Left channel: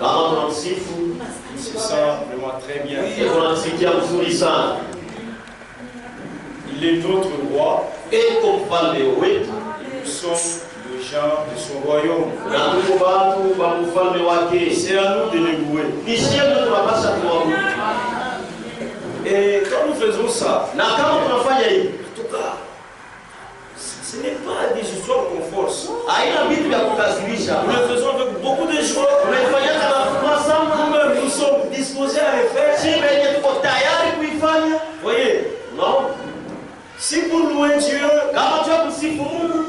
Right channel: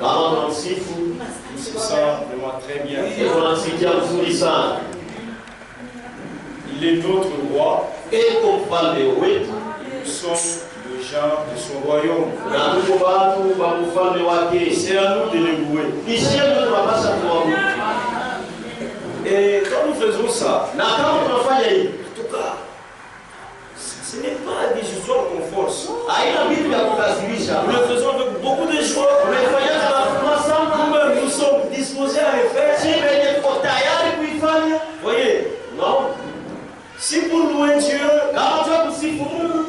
Kama tunamsifu, il se sent vraiment très bien. tunamsikia vizuri sana. Il est notre roi. Eko mfalme wetu. Nous sommes les gens de son royaume. Na tuko watu wa mfalme wake. C'est à nous de le louer. Ni sisi tunapaswa kuabudu. Et quand nous faisons ça, na kama tunafanya hivi, en tout cas, ce n'est pas des histoires qu'on force. haina vitu vya kukasirisha. Nous le faisons avec beaucoup de joie. Tunafanya na furaha sana. Nous-mêmes, nous sommes disposés à le faire. Si venye tuko tayari kuifanya. Voyez, Non. si pour louer Dieu, Kama tu kusifu Mungu,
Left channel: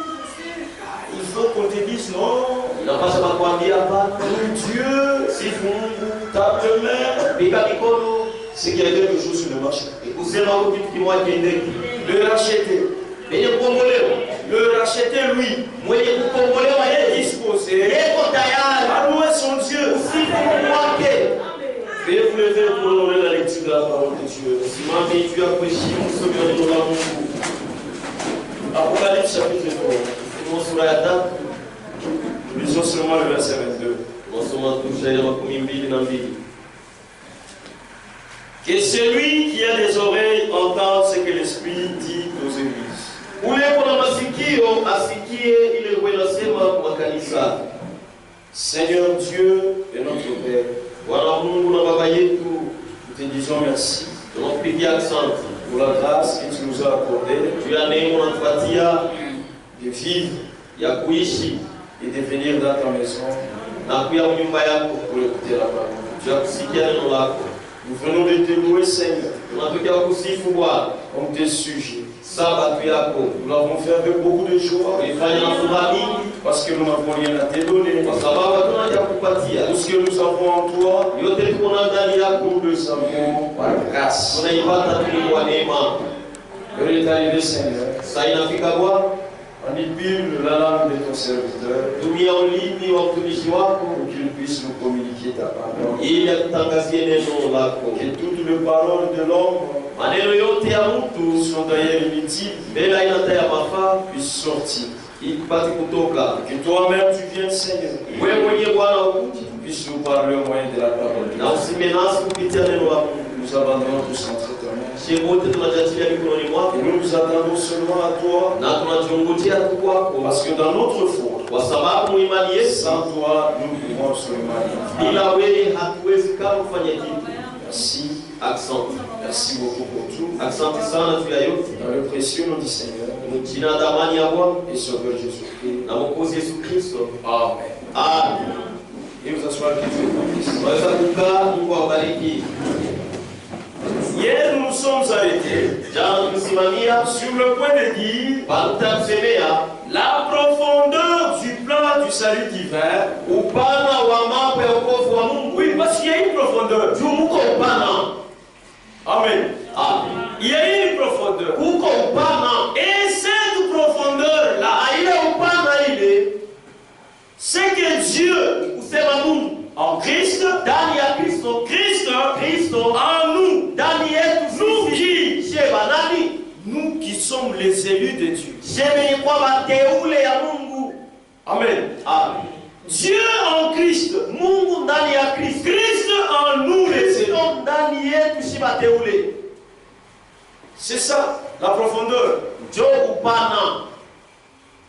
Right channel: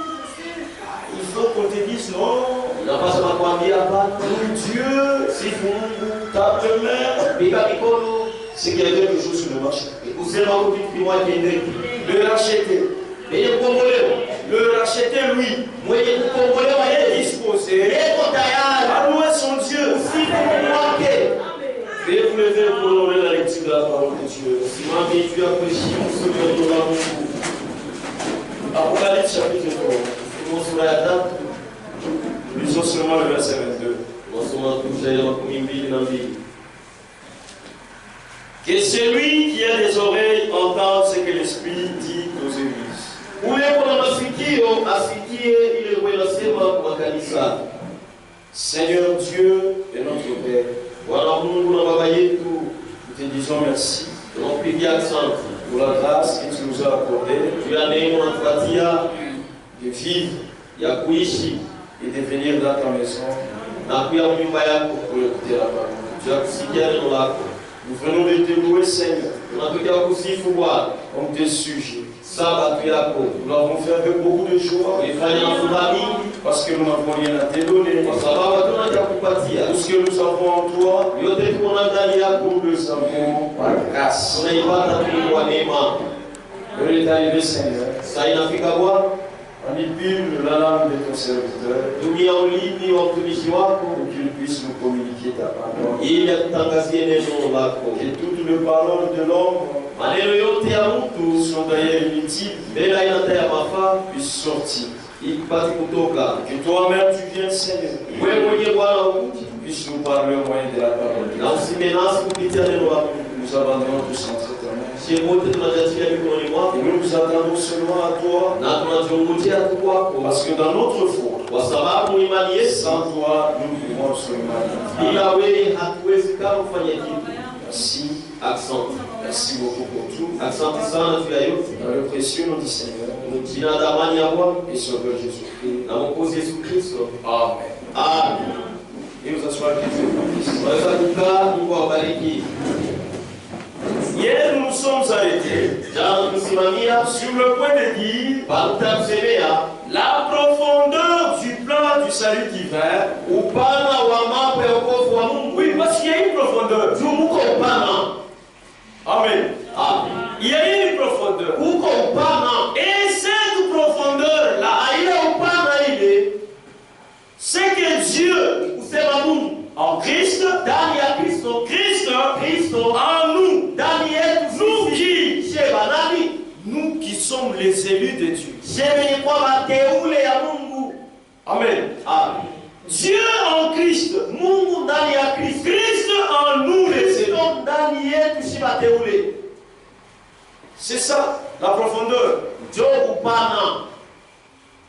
il faut qu'on te dise non. unapaswa kuambia hapana. Dieu, Sifu Mungu, tape main. piga mikono, C'est qu'il y a quelque chose sur le marché. kusema kwa kitu kimoja kiendeke. Le racheter. Venye kukombolewa. Le racheter, lui, Mwenye kukombolewa est yeye disposé yeko tayari à louer son Dieu. kusifu Mungu wake. Veuillez vous lever pour honorer la lecture de la parole de Dieu. Simame juu ya kuheshimu somo la neno la Mungu. Apocalypse chapitre 3. Ufunuo sura ya 3. Lisons seulement le verset 22. Tunasoma tu shairi 22. Que celui qui a des oreilles entende ce que l'Esprit dit aux églises. Ule kuna masikio asikie ile kwa inasema kwa kanisa. Seigneur Dieu et notre Père, Bwana Mungu na Baba yetu, nous te disons merci tunakupigia asante pour la grâce que tu nous as accordée juu ya neema unatupatia de vivre ya kuishi et de venir dans ta maison na kuya nyumba yako pour écouter la parole. juu ya kusikia neno lako. Nous venons de te louer, Seigneur, Tunatokea kusifu Bwana comme tes sujets. sabato yako. Nous l'avons fait avec beaucoup de joie Tulifanya na furaha mingi parce que nous n'avons rien à te donner. kwa sababu hatuna cha kupatia. Tout ce que nous avons en toi, Yote tuko na ndani yako, nous le savons par grâce. tunaipata tu kwa neema. L'heure est arrivée, Seigneur. Sasa inafika Bwana, Manipule la langue de ton serviteur tumia ulimi wa mtumishi wako pour qu'il puisse nous communiquer ta parole. ili atutangazie neno lako. Que toutes les paroles de l'homme Maneno yote ya mtu sont d'ailleurs inutiles, bila aina hata ya mafaa puissent sortir. ikipate kutoka. Que toi-même tu viennes, Seigneur, Wewe mwenyewe Bwana ukuje puisses nous parler au moyen de la parole. na usime nasi kupitia neno la Mungu. Nous abandonnons tous entre tes mains. Sisi wote tunajiachilia mikononi mwako Et nous nous attendons seulement à toi, na tunachungujia tu kwako, parce que dans notre foi, kwa sababu imani yetu sans toi, nous pouvons absolument rien. bila wewe hatuwezi kama kufanya kitu. Merci. Asante, Merci beaucoup pour tout. asante sana juu ya yote. Dans le précieux nom du Seigneur Jina la damani ya Bwana et Sauveur Jésus-Christ. na Mwokozi Yesu Kristo. Amen. Amen. Et nous asseoir qu'il fait bénisse. Tunaweza kukaa, Mungu awabariki. Hier, nous nous sommes arrêtés Jana tulisimamia sur le point de dire pata kusemea la profondeur du plan du salut divin. upana wa mambo ya wokovu wa Mungu. Oui, parce qu'il y a une profondeur. Juu muko upana. Amen. Amen. Il y a une profondeur. Uko upana. Et cette profondeur-là, Ile upana ile c'est que Dieu, kusema Mungu en Christ, ndani ya Kristo, Kristo en nous, ndani yetu nous sisi. qui, Sheba nani? nous qui sommes les élus de Dieu. Sheba ni kwa wateule ya Mungu. Amen. Amen. Dieu en Christ, Mungu ndani ya Kristo. Christ en nous les élus. Kristo ndani yetu si wateule. C'est ça, la profondeur. Jo upana.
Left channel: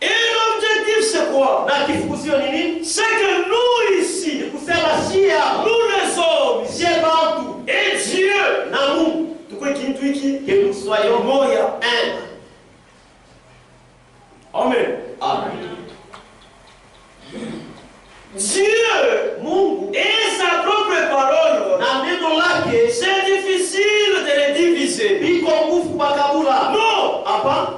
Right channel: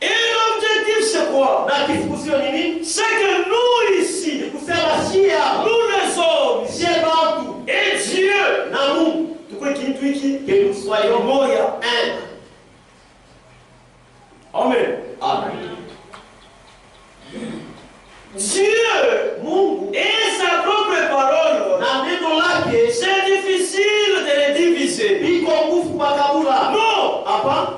Et l'objectif c'est quoi? Na kifukusio ni nini? C'est que nous ici, Kusema shia. nous les hommes, Sheba watu. et Dieu, Na Mungu. tukwe kintu hiki Que nous soyons moya. un. Amen. Amen. Dieu, Mungu et sa propre parole, na neno lake c'est difficile de les diviser. biko nguvu makabula. Non. Hapa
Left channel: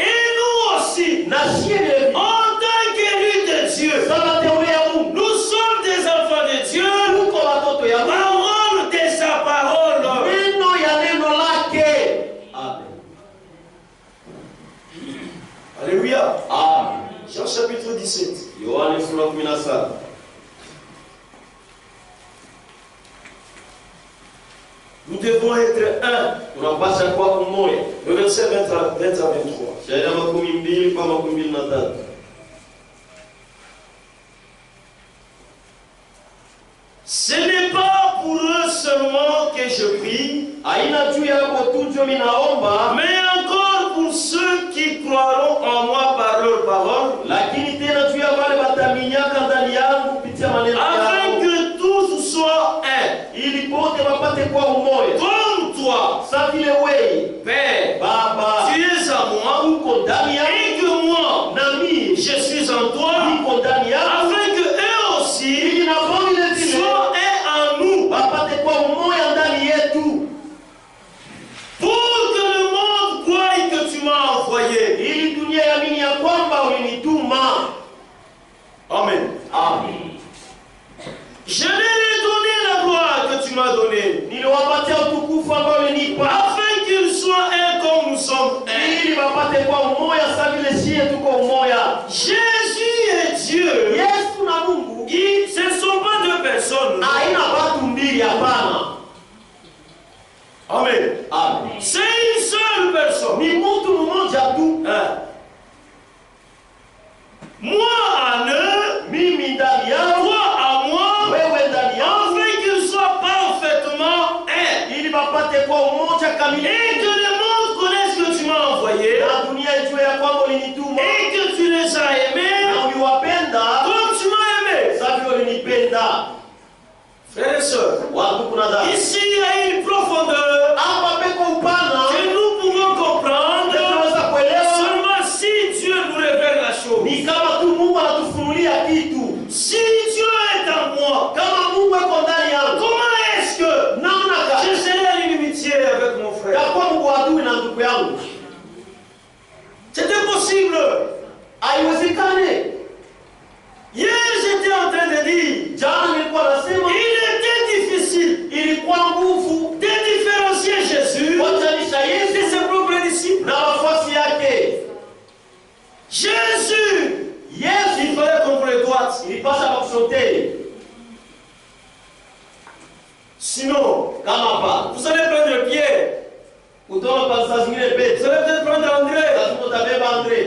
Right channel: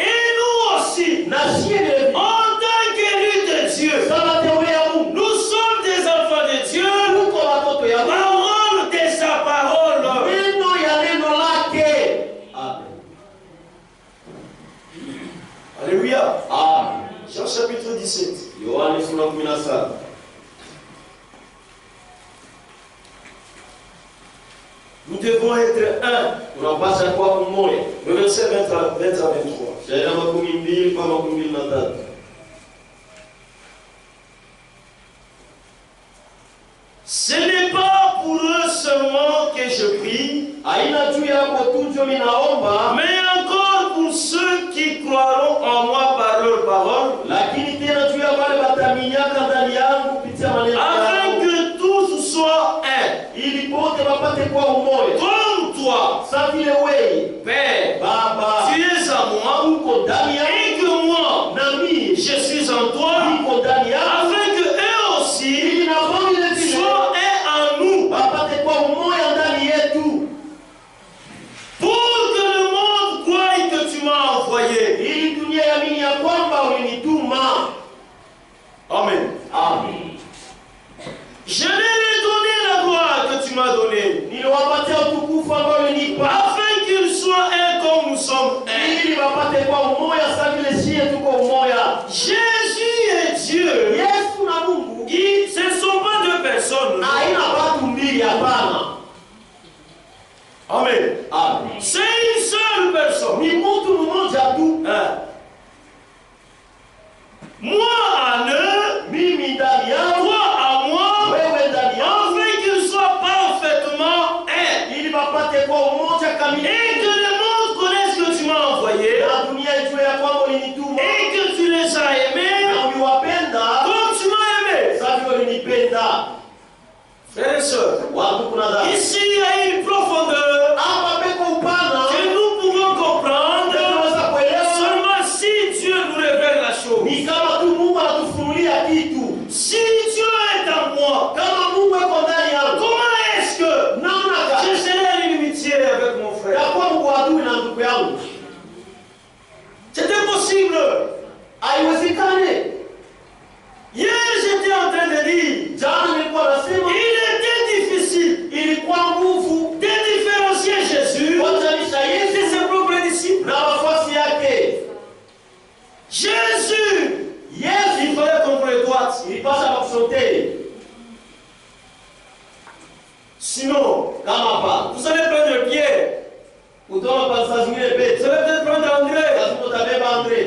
Et nous aussi, na shie de en tant qu'élus de Dieu, sama teule ya Mungu. nous sommes des enfants de Dieu. Tuko watoto ya Mungu. Parole de sa parole. Neno ya neno lake. Amen. Alléluia. Amen. Jean chapitre 17. Yohane sura 17. Nous devons être un. Tunapaswa kuwa umoja. Le verset 20 à 23. Shairi ya 12 kwa 23. Ce n'est pas pour eux seulement que je prie, Haina juu yako tu ndio mimi naomba, mais encore pour ceux qui croiront en moi par leur parole, lakini tena juu ya wale wataminyaka ndani yangu kupitia maneno afin yao, que tous soient un, ili pote wapate kuwa umoja. comme toi, Sa vile wewe Père, Baba tu es à moi, uko ndani yangu et que moi, na mimi je suis en toi, niko ndani yangu, afin que eux aussi ili na wao vile vile soient un en nous, wapate kuwa umoja ndani yetu, pour que le monde croie que tu m'as envoyé. ili dunia iamini ya kwamba ulinituma. Amen. Amen. Je leur ai donné la gloire que tu m'as donnée, Niliwapatia utukufu ambao ulinipa, afin qu'ils soient un comme nous sommes un. ili wapate kuwa umoja sa vile sie tuko umoja. Jésus est Dieu. Yesu na Mungu Ce ne sont pas deux personnes. haina watu mbili, hapana. Amen. Amen. C'est une seule personne. Ni mtu mmoja tu. Hein. Moi en eux, Mimi ndani yao, toi à moi, wewe ndani yao, afin qu'ils soient parfaitement un. ili wapate kuwa umoja kamili, Et que le monde connaisse que tu m'as envoyé, na dunia ijue ya kwamba ulinituma et que tu les as aimés na uliwapenda comme tu m'as aimé. sa vile ulinipenda. Frères et sœurs, Watu kuna dada, ici il y a une profondeur hapa peko upana que nous pouvons comprendre tunaweza kuelewa, seulement si Dieu nous révèle la chose. ni kama tu Mungu anatufunulia kitu. Si Dieu est en moi, Kama Mungu yuko ndani yangu, comment est-ce que namna gani je serai en inimitié avec mon frère? takuwa Mungu adui na ndugu yangu? C'est impossible. Haiwezekane. Hier j'étais en train de dire, Jana nilikuwa nasema il était difficile ilikuwa nguvu de différencier Jésus kuachanisha de Yesu ses propres disciples. na wafuasi yake. Jésus, Yesu il fallait qu'on le droite. ilipasha kukusotee, Sinon, kama pa vous allez prendre Pierre, kutoka pa saa zingine vous Petro, allez peut-être prendre André. lazima utabeba Andre.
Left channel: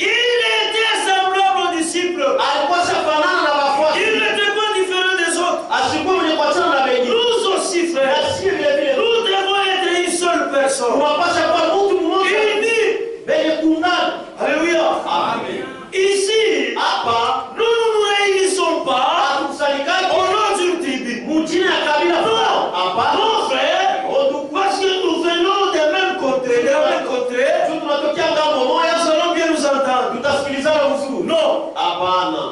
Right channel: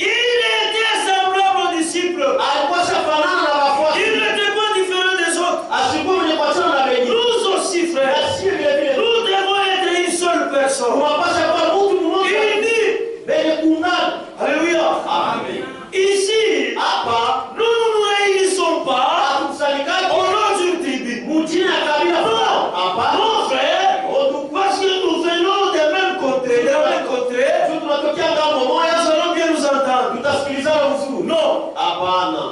Il était semblable aux disciples. Alikuwa shafanana na wafuasi, Il n'était pas différent des autres. asikuwa mwenye kuachana na wengine. Nous aussi, frères, Na sisi vile vile nous devons être une seule personne. tunapasha kuwa mtu mmoja Unis. wenye kuungana. Alléluia. Amen. Ici, Hapa nous ne nous réunissons pas hatukusanyikani au nom d'une tribu. mjini ya kabila fulani. Hapa Non, frère, parce que nous venons des mêmes contrées, des mêmes contrées, tu tunatokea ngambo nous moja, allons bien nous entendre. tutasikilizana vizuri. Non, Hapana,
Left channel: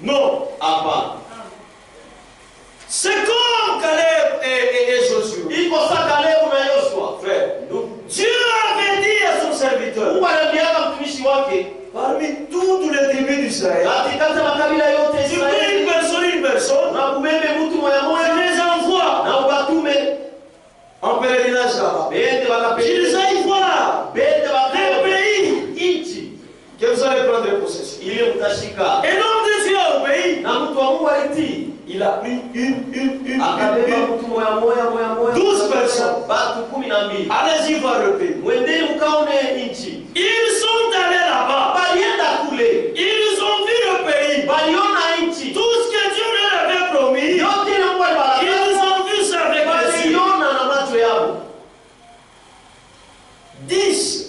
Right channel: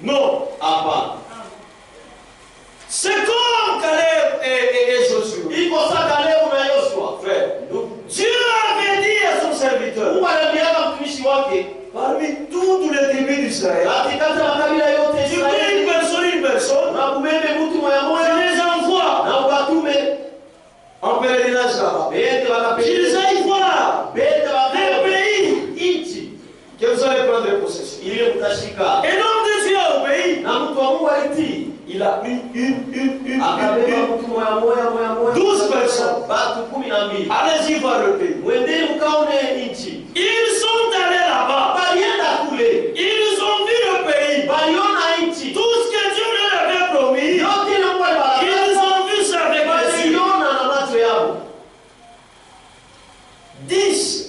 non. hapana. C'est comme Caleb et Josué. Iko saa Kalebu na Yoshua. Frère, Dieu avait dit à son serviteur, Mungu aliambiaka mtumishi wake, parmi toutes les tribus d'Israël, katikati ya makabila yote ya tu prends Israeli, une personne, na kubebe mtu moya tu moya les envoies na ukatume en pèlerinage là-bas. bende Qu'ils wakapeleke aillent voir bende les wakapeleke pays nchi que vous allez prendre possession. ile mtashika. Et l'homme de Dieu a obéi. Na mtu wa Mungu alitii, Il a pris une. akabeba mtu moya moya 12 personnes. batu 12. Allez-y voir le pays. Mwendeni mkaone nchi. Ils sont allés là-bas. Balienda kule, Ils ont vu le pays. baliona nchi Tout ce que Dieu leur avait promis, yote ile Mungu alibariki, ils ont vu ça avec les yeux. baliona na macho yao. 10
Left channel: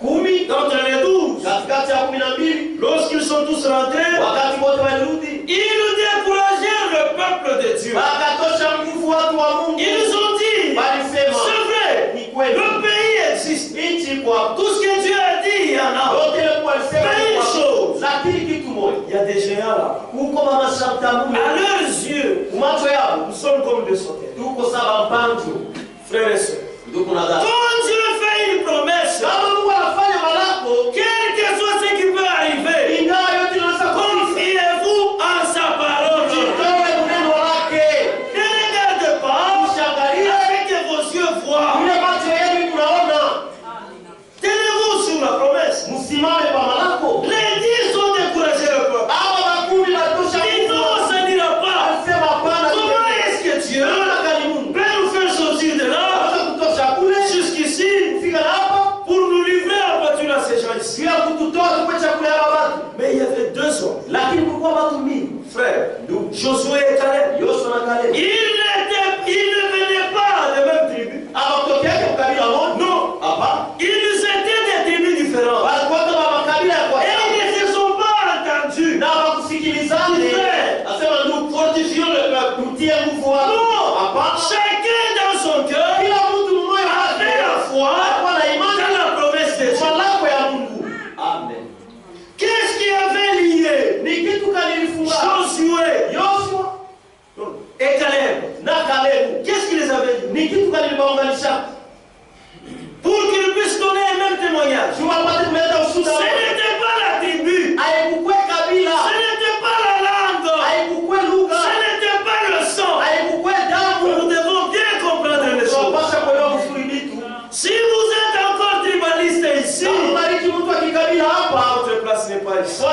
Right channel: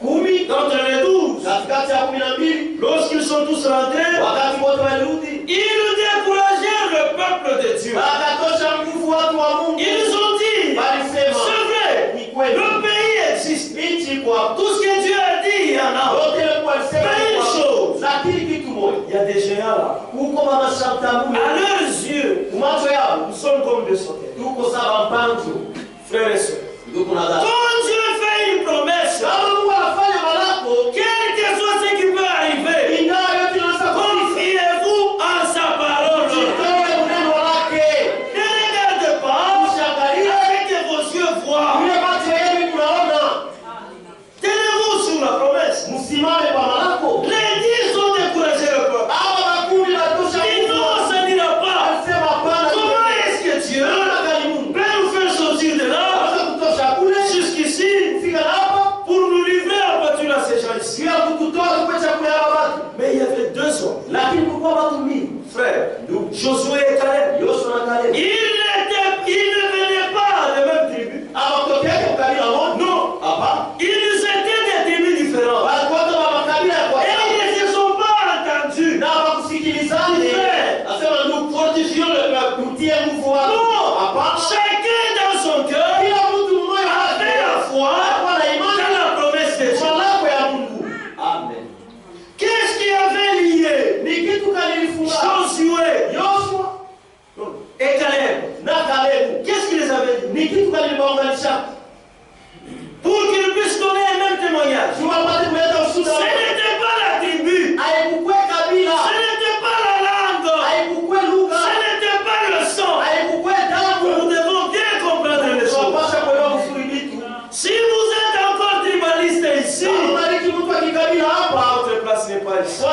10 d'entre les 12, katikati ya 12, lorsqu'ils sont tous rentrés, wakati wote walirudi, ils découragèrent le peuple de Dieu. wakatosha nguvu watu wa Mungu. Ils ont dit, Walisema c'est vrai, ni kweli, le pays existe. nchi kwa Tout ce que Dieu a dit, il y en a. yote ile Mungu alisema Mais ni une kwa- chose, lakini kitu moja, il y a des géants là. huko mama shantamu À leurs yeux, macho yao nous sommes comme des sauterelles. tuko sawa mpanzo. Frères et sœurs, Ndugu na dada, quand Dieu fait une promesse, kama Mungu anafanya malako, quel que soit ce qui peut arriver, ingawa yote inaweza kuwa, confiez-vous en sa parole. jitoe neno lake, Ne regardez pas mshangalie avec que vos yeux voient. ile macho yenu kunaona, Tenez-vous sur la promesse. msimame kwa malako. Les 10 ont découragé le peuple. Hawa makumi batosha Ils nguvu, non, ça n'ira pas. alisema hapana. Comment est-ce que Dieu Naona gani Mungu peut nous faire sortir de là anaweza kutosha kule jusqu'ici fika na hapa pour nous livrer en pâture à ces gens ici? bila kututoa tukwe chakula ya watu, Mais il y avait 2 hommes. lakini kulikuwa watu mingi. Frère, Josué et Caleb, ils ne venaient pas des mêmes tribus. Non. Ils étaient des tribus différentes. Et ils ne se sont pas entendus. Chacun dans son cœur avait la foi dans la promesse de Dieu. Qu'est-ce qui avait lié Josué et Caleb? Qu'est-ce qui les avait liés? Pour qu'ils puissent donner le même témoignage. Ce n'était pas la tribu. Ce n'était pas la langue. Ce n'était pas le sang. Nous devons bien comprendre les choses. Si vous êtes encore tribaliste ici, votre place n'est pas ici.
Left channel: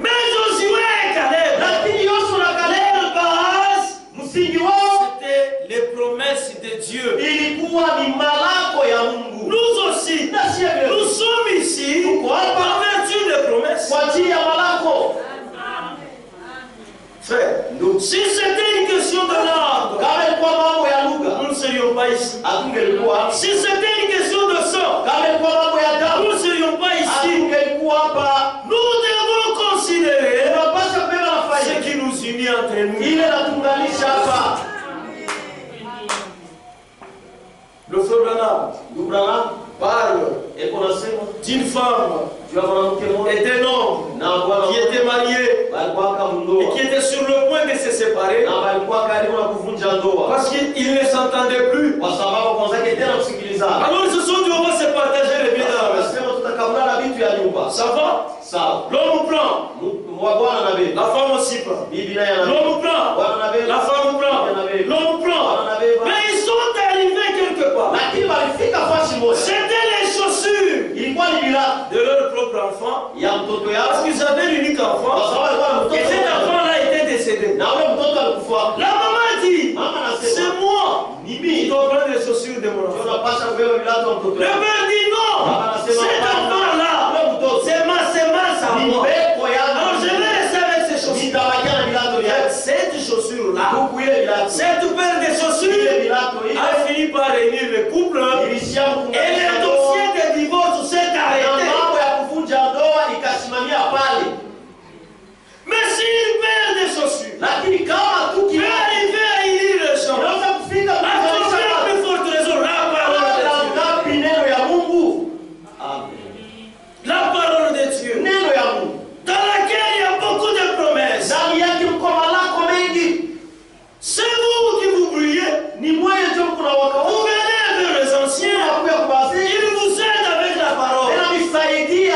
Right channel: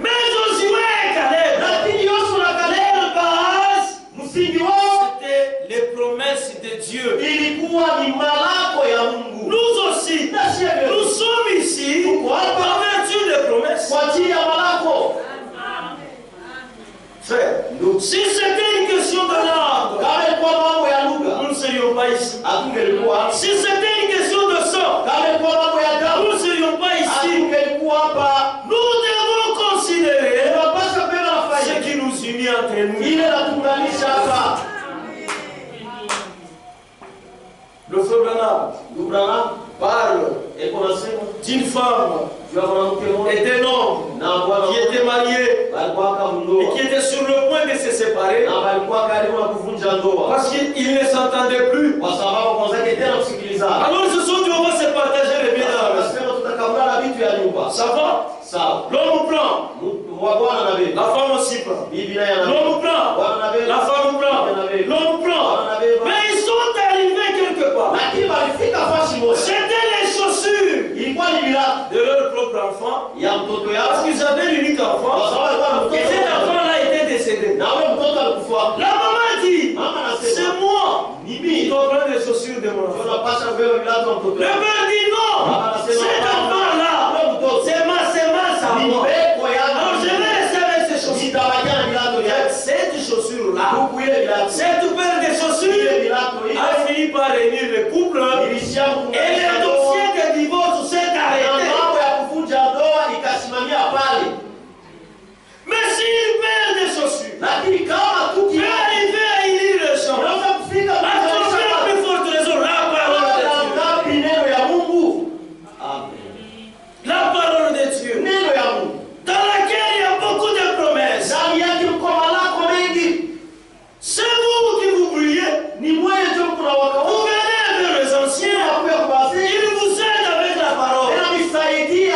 Mais Josué et Caleb, leur base, c'était les promesses de Dieu. Nous aussi, nous sommes ici par vertu des promesses. Frère, si c'était une question de langue, nous ne serions pas ici. Si c'était une question de sang, nous ne serions pas ici. Nous devons considérer ce qui nous unit entre nous. Le frère Branham parle d'une femme et d'un homme qui étaient mariés et qui étaient sur le point de se séparer parce qu'ils ne s'entendaient plus. Alors ils se sont dit, on va se partager les biens dans la maison. Ça va? L'homme prend, la femme aussi prend. L'homme prend, la femme prend, l'homme prend. Mais ils sont arrivés quelque part. C'était les chaussures de leur propre enfant, parce qu'ils avaient l'unique enfant, et cet enfant-là était décédé. La maman dit, c'est moi qui dois prendre les chaussures de mon enfant. Le père dit non, cet enfant-là, c'est ma sémence à moi. Alors je vais rester avec ces chaussures. Cette chaussure-là, cette paire de chaussures a fini par réunir le couple et le dossier de divorce s'est arrêté. Mais si une paire de chaussures peut arriver à unir le champ, à combien plus forte raison la parole de Dieu. La parole de Dieu, dans laquelle il y a beaucoup de promesses. C'est vous qui vous brûlez. Vous venez avec les anciens. Ils vous aident avec la parole. Tu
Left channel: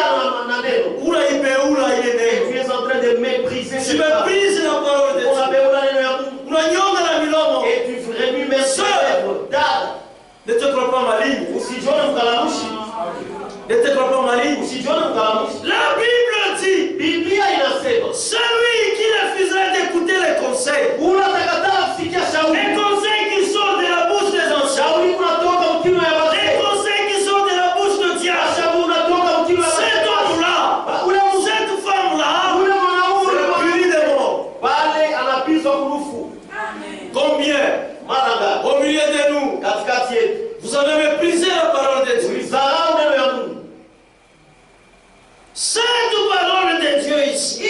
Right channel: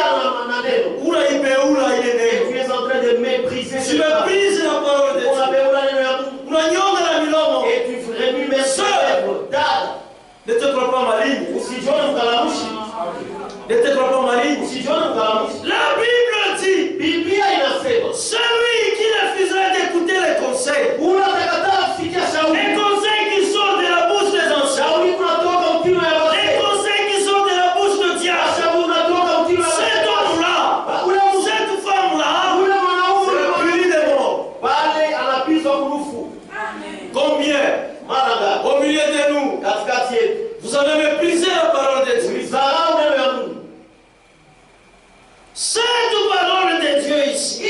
es en train de mépriser. Tu méprises la parole de Dieu. Et tu remues mes œuvres. Ne te crois pas maligne. Ne te crois pas maligne. La Bible dit, celui qui refusera d'écouter les conseils, les conseils qui sortent de la bouche des anciens, les conseils qui sortent de la bouche de Dieu, cet homme-là, cette femme-là, c'est puni de mort. Combien au milieu de nous, vous avez méprisé la parole de Dieu. Cette parole de Dieu ici,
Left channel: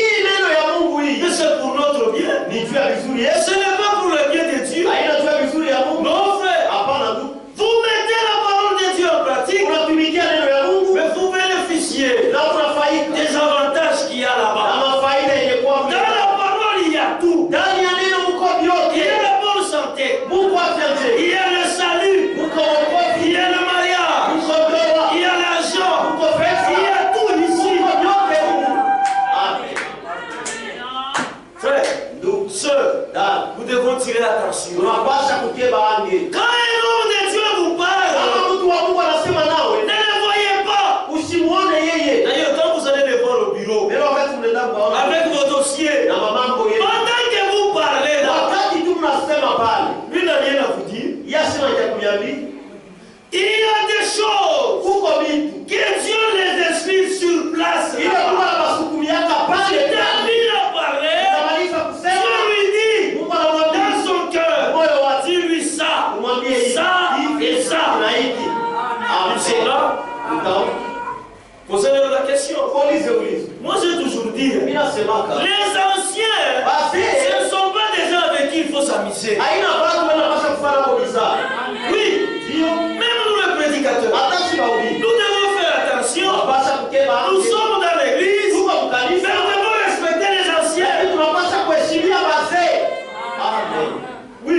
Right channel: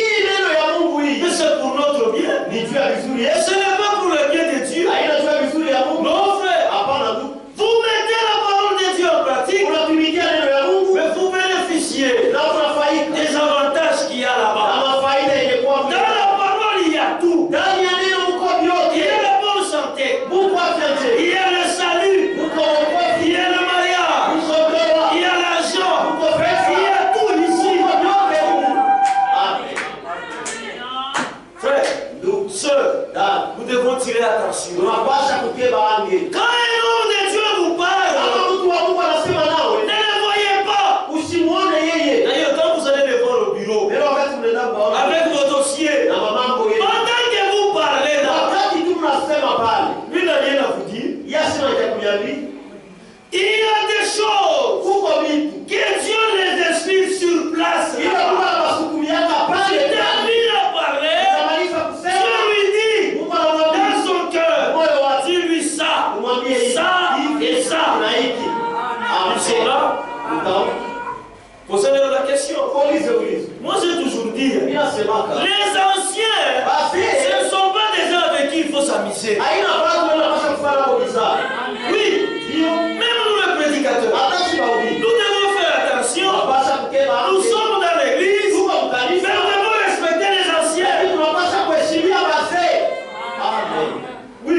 mais c'est pour notre bien. Ce n'est pas pour le bien de Dieu. Non, frère. Vous mettez la parole de Dieu en pratique, mais vous bénéficiez des avantages qu'il y a là-bas. Dans la parole, il y a tout. Il y a la bonne santé. Il y a le salut. Il y a le mariage. Il y a l'argent. Il y a tout ici. Frère, nous devons tirer attention. Quand un homme de Dieu vous parle, ne le voyez pas. question. Moi j'ai toujours dit, les anciens, ce ne sont pas des gens avec qui il faut s'amuser. Oui, même nous les prédicateurs, nous devons faire attention. Nous sommes dans l'église, mais nous devons respecter les anciens. Oui,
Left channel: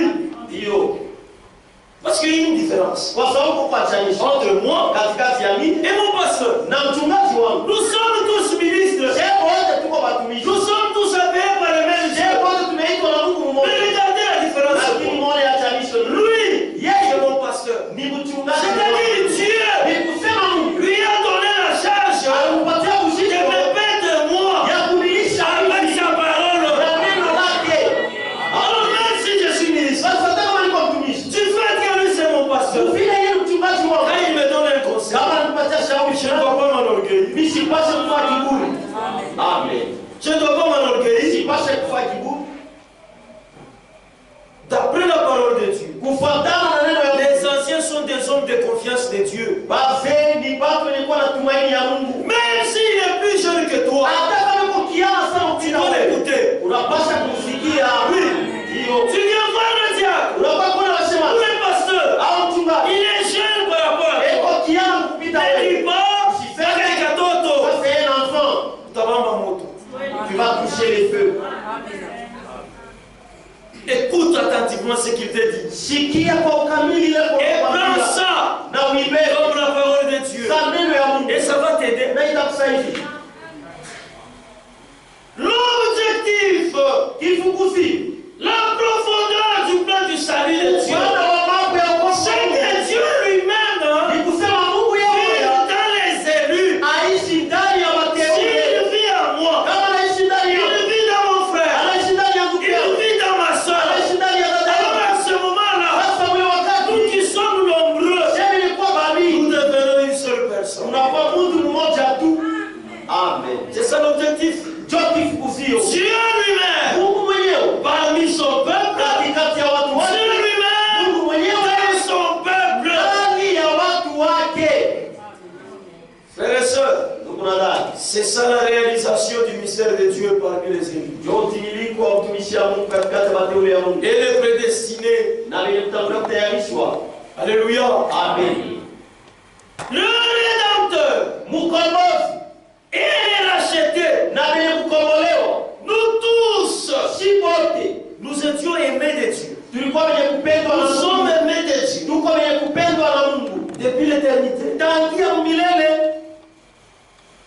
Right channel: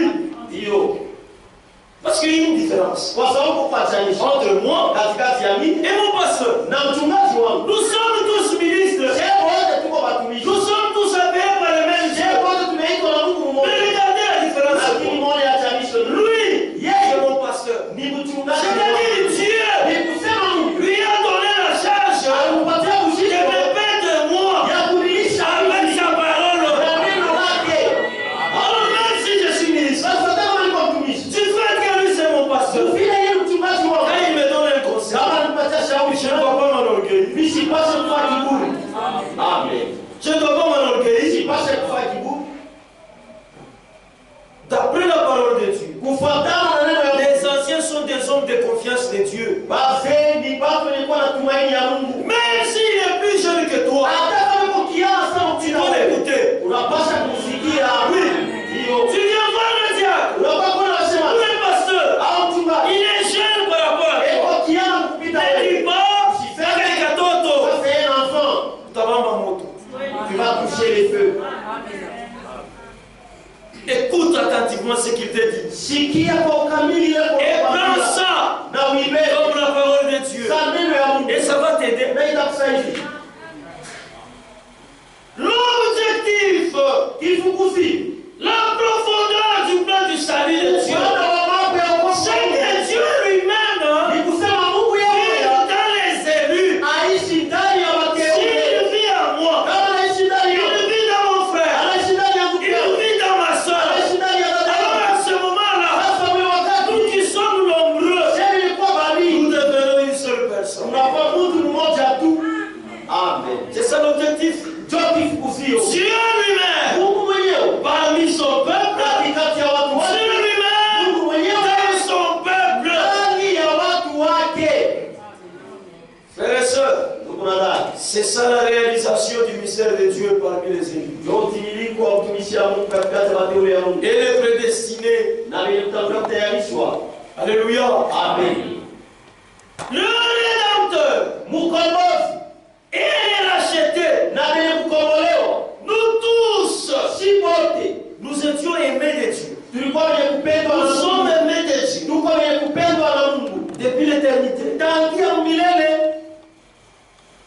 parce qu'il y a une différence entre moi et mon pasteur. Nous sommes tous ministres. Nous sommes tous appelés par le même Dieu. Mais regardez la différence. Lui, c'est mon pasteur. C'est-à-dire Dieu lui a donné la charge de me paître moi avec sa parole. Alors même si je suis ministre, du fait que lui c'est mon pasteur, quand il me donne un conseil, je ne dois pas m'enorgueillir. Amen. Je ne dois pas m'enorgueillir. D'après la parole de Dieu, les anciens sont des hommes de confiance de Dieu. Même s'il est plus jeune que toi, tu dois l'écouter. Oui. Tu viens voir le diable ou le pasteur. Il est jeune par rapport à toi. Ne dis pas, c'est un katoto. C'est un enfant. Tu vas toucher les feux. Écoute attentivement ce qu'il te dit. Et prends ça comme la parole de Dieu. Et ça va t'aider. L'objectif, la profondeur du plan du salut de Dieu, c'est que Dieu lui-même, il vit dans les élus. S'il vit en moi, il vit dans mon frère, il vit dans ma soeur. Alors à ce moment-là, nous qui sommes nombreux, nous devenons une seule personne. Amen. C'est ça l'objectif. Dieu lui-même, parmi son peuple, Dieu lui-même, dans son peuple. Frères et sœurs, c'est ça la réalisation du mystère de Dieu parmi les élus. Et les prédestinés. Alléluia. Amen. Le Rédempteur, et les rachetés. Nous tous, nous étions aimés de Dieu. Nous sommes aimés de Dieu. Depuis l'éternité.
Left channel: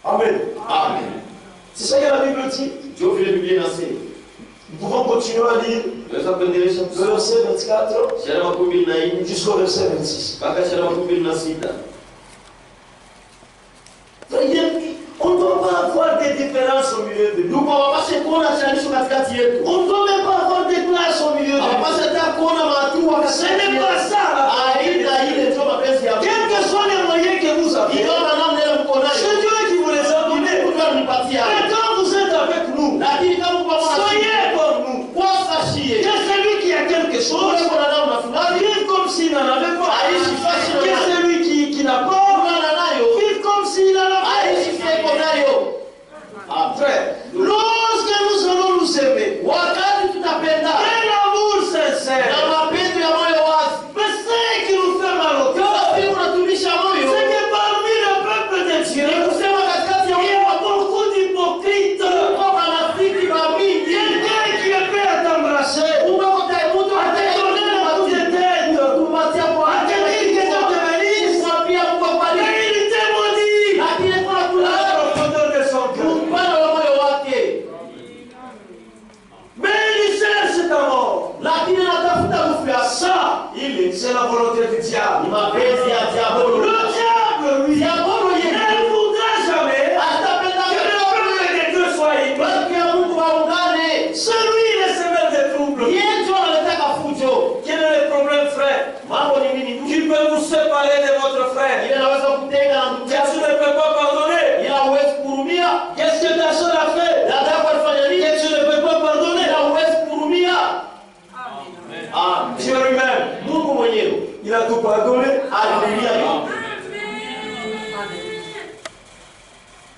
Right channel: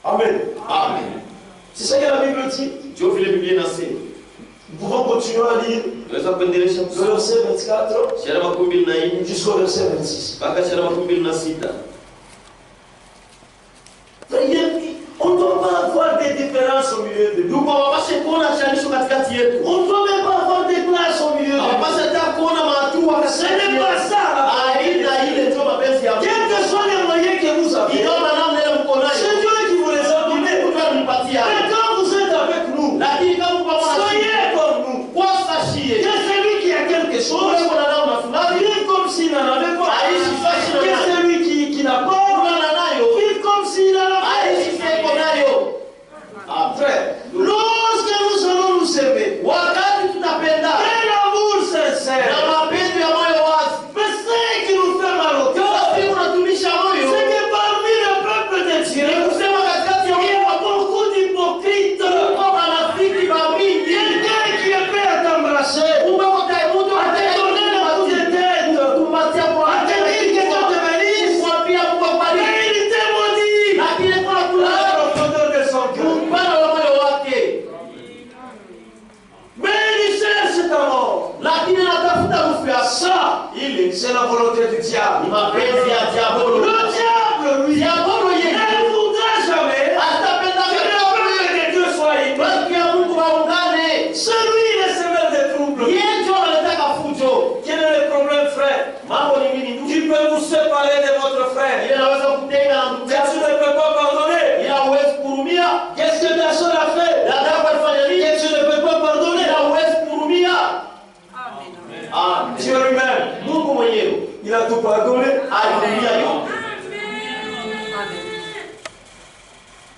Amen. Amen. C'est ça que la Bible dit. Nous pouvons continuer à lire le verset 24 jusqu'au verset 26. On ne doit pas avoir des différences au milieu de nous. On ne doit même pas avoir des classes au milieu de nous. Ce n'est pas ça. Quels que soient les moyens que vous avez, c'est Dieu qui vous les a donnés. Mais quand vous êtes avec nous, soyez comme nous. Que celui qui a quelque chose, vive comme s'il n'en avait pas. Que celui qui n'a pas, vive comme s'il en avait. Frère, lorsque nous allons nous aimer, quel amour sincère. Mais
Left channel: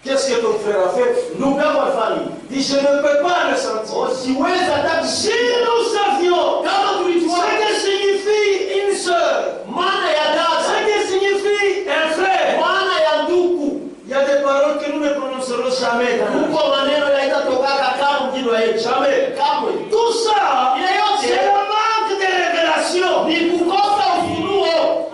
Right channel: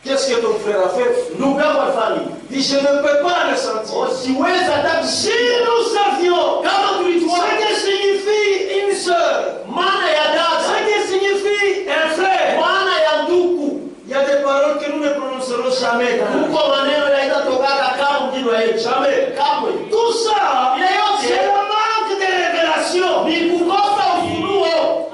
Qu'est-ce que ton frère a fait? Ndugu yako alifanya nini? Il dit, je ne peux pas le sentir. Siwezi hata Si nous savions kama tulijua ce que signifie une sœur, maana ya ce dada, que signifie un frère, maana ya ndugu, il y a des paroles que nous ne prononcerons jamais. huko maneno yaitatoka kama mjini wa yetu. Jamais. Kamwe. Tout ça, Ile yote c'est le manque de révélation. ni kukosa ufunuo.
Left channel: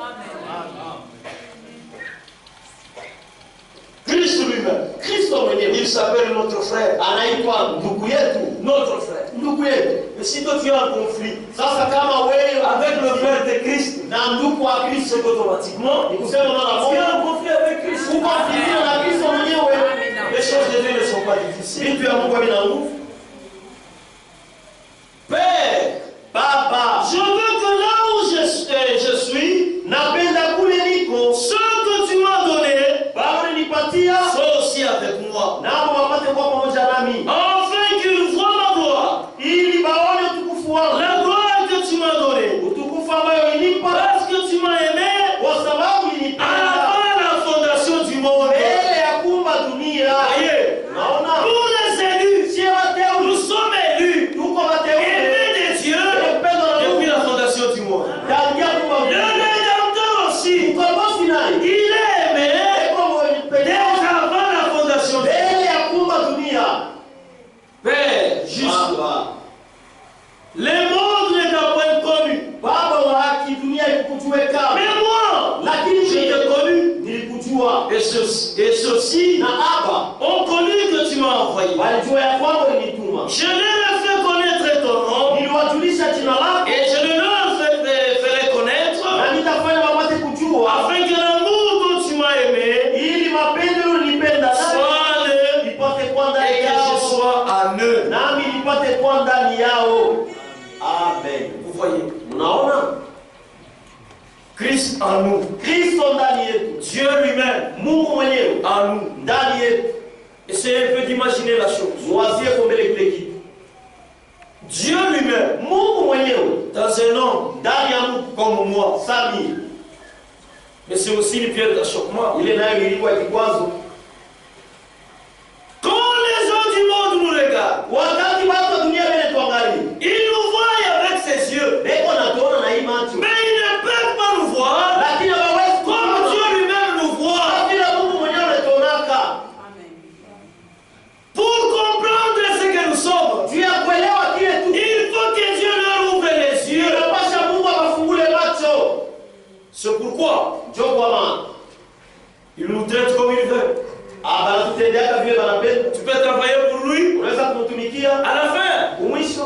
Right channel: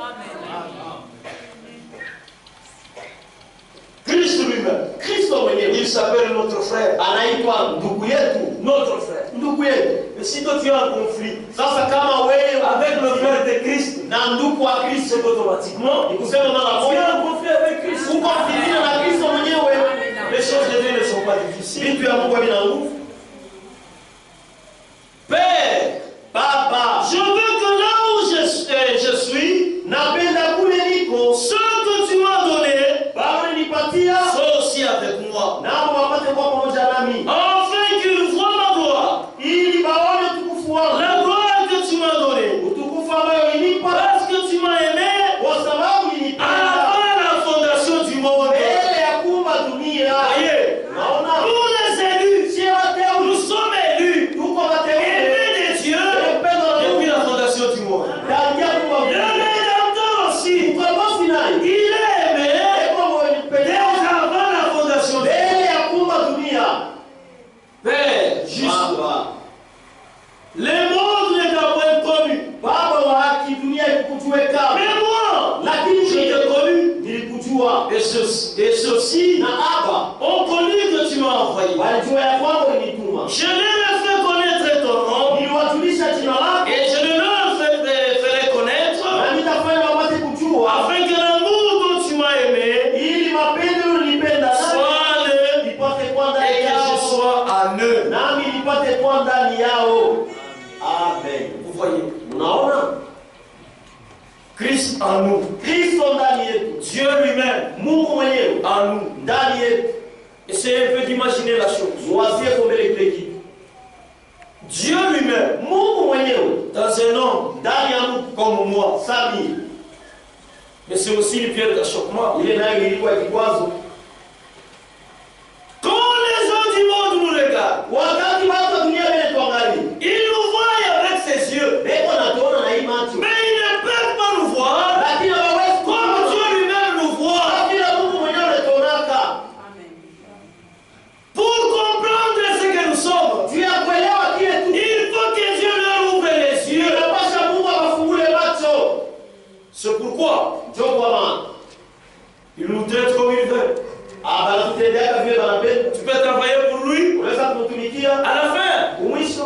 Christ lui-même, Kristo mwenyewe il s'appelle notre frère. anaitwa ndugu yetu, Notre frère. ndugu yetu. Et si toi tu as un conflit Sasa kama wewe avec le frère de Christ, na ndugu wa Kristo, c'est automatiquement ni kusema mara tu as moja un conflit avec Christ. uko mfitini na Kristo mwenyewe. Les choses de Dieu ne sont pas difficiles. Vitu ya Mungu havina nguvu. Père, Baba, je veux que là où je suis, napenda kule niko, ce que tu m'as donné, Baba ulinipatia, sois aussi avec moi. nao wapate kuwa pamoja nami, Afin qu'ils voient ma gloire, ili baone utukufu wangu, la gloire que tu m'as donnée. utukufu ambayo ulinipa, Parce que tu m'as aimé kwa sababu ulinipenda avant la fondation du monde. mbele ya kuumba dunia. Voyez, Naona nous les élus, sie wateule, nous sommes élus, tuko wateule, aimés de Dieu depuis la fondation du monde. tangia kuumba Le dunia. Rédempteur aussi, Ukombozi naye il est aimé eko dès mwenye avant la fondation du monde. mbele ya kuumba dunia. Père, juste, Baba, le monde ne t'a point connu. Baba wa haki, dunia ikukujue kama, Mais moi, lakini je t'ai connu. nilikujua, Et ceux-ci na Aba ont connu que tu m'as envoyé. walijua ya kwamba ulinituma. Je leur ai fait connaître ton nom Niliwajulisha jina lako, et je ne leur ferai connaître na nitafanya wapate kujua, afin que l'amour dont tu m'as aimé ili mapendo ulipenda naye soit le nipate kuwa ndani et que je yao, sois en eux. nami nipate kuwa ndani yao. Amen. Vous voyez, Unaona, Christ en nous, Kristo ndani yetu, Dieu lui-même Mungu mwenyewe en nous. ndani yetu. Essayez un peu d'imaginer la chose. Mwazie kwa mbele kile kitu. Dieu lui-même, Mungu mwenyewe dans un homme ndani ya mtu comme moi, Sami, mais c'est aussi une pierre d'achoppement. ile nayo ilikuwa kikwazo. Quand les gens du monde nous regardent, Wakati watu wa dunia mbele tuangalie, ils nous voient avec ses yeux, beko natuona na hii macho, mais ils ne peuvent pas nous voir lakini hawawezi comme kuona Dieu lui-même nous voit. kama vile Mungu mwenyewe anatuonaka. Pour comprendre ce que nous sommes, Juu ya kuelewa kile tu, il faut que Dieu leur ouvre les yeux. inapasha Mungu awafungule macho. C'est pourquoi Ndio kwa maana il nous traite comme il veut. banatutendeaka vile banapenda. Tu peux travailler pour lui, Unaweza kumtumikia à la fin, kumwisho,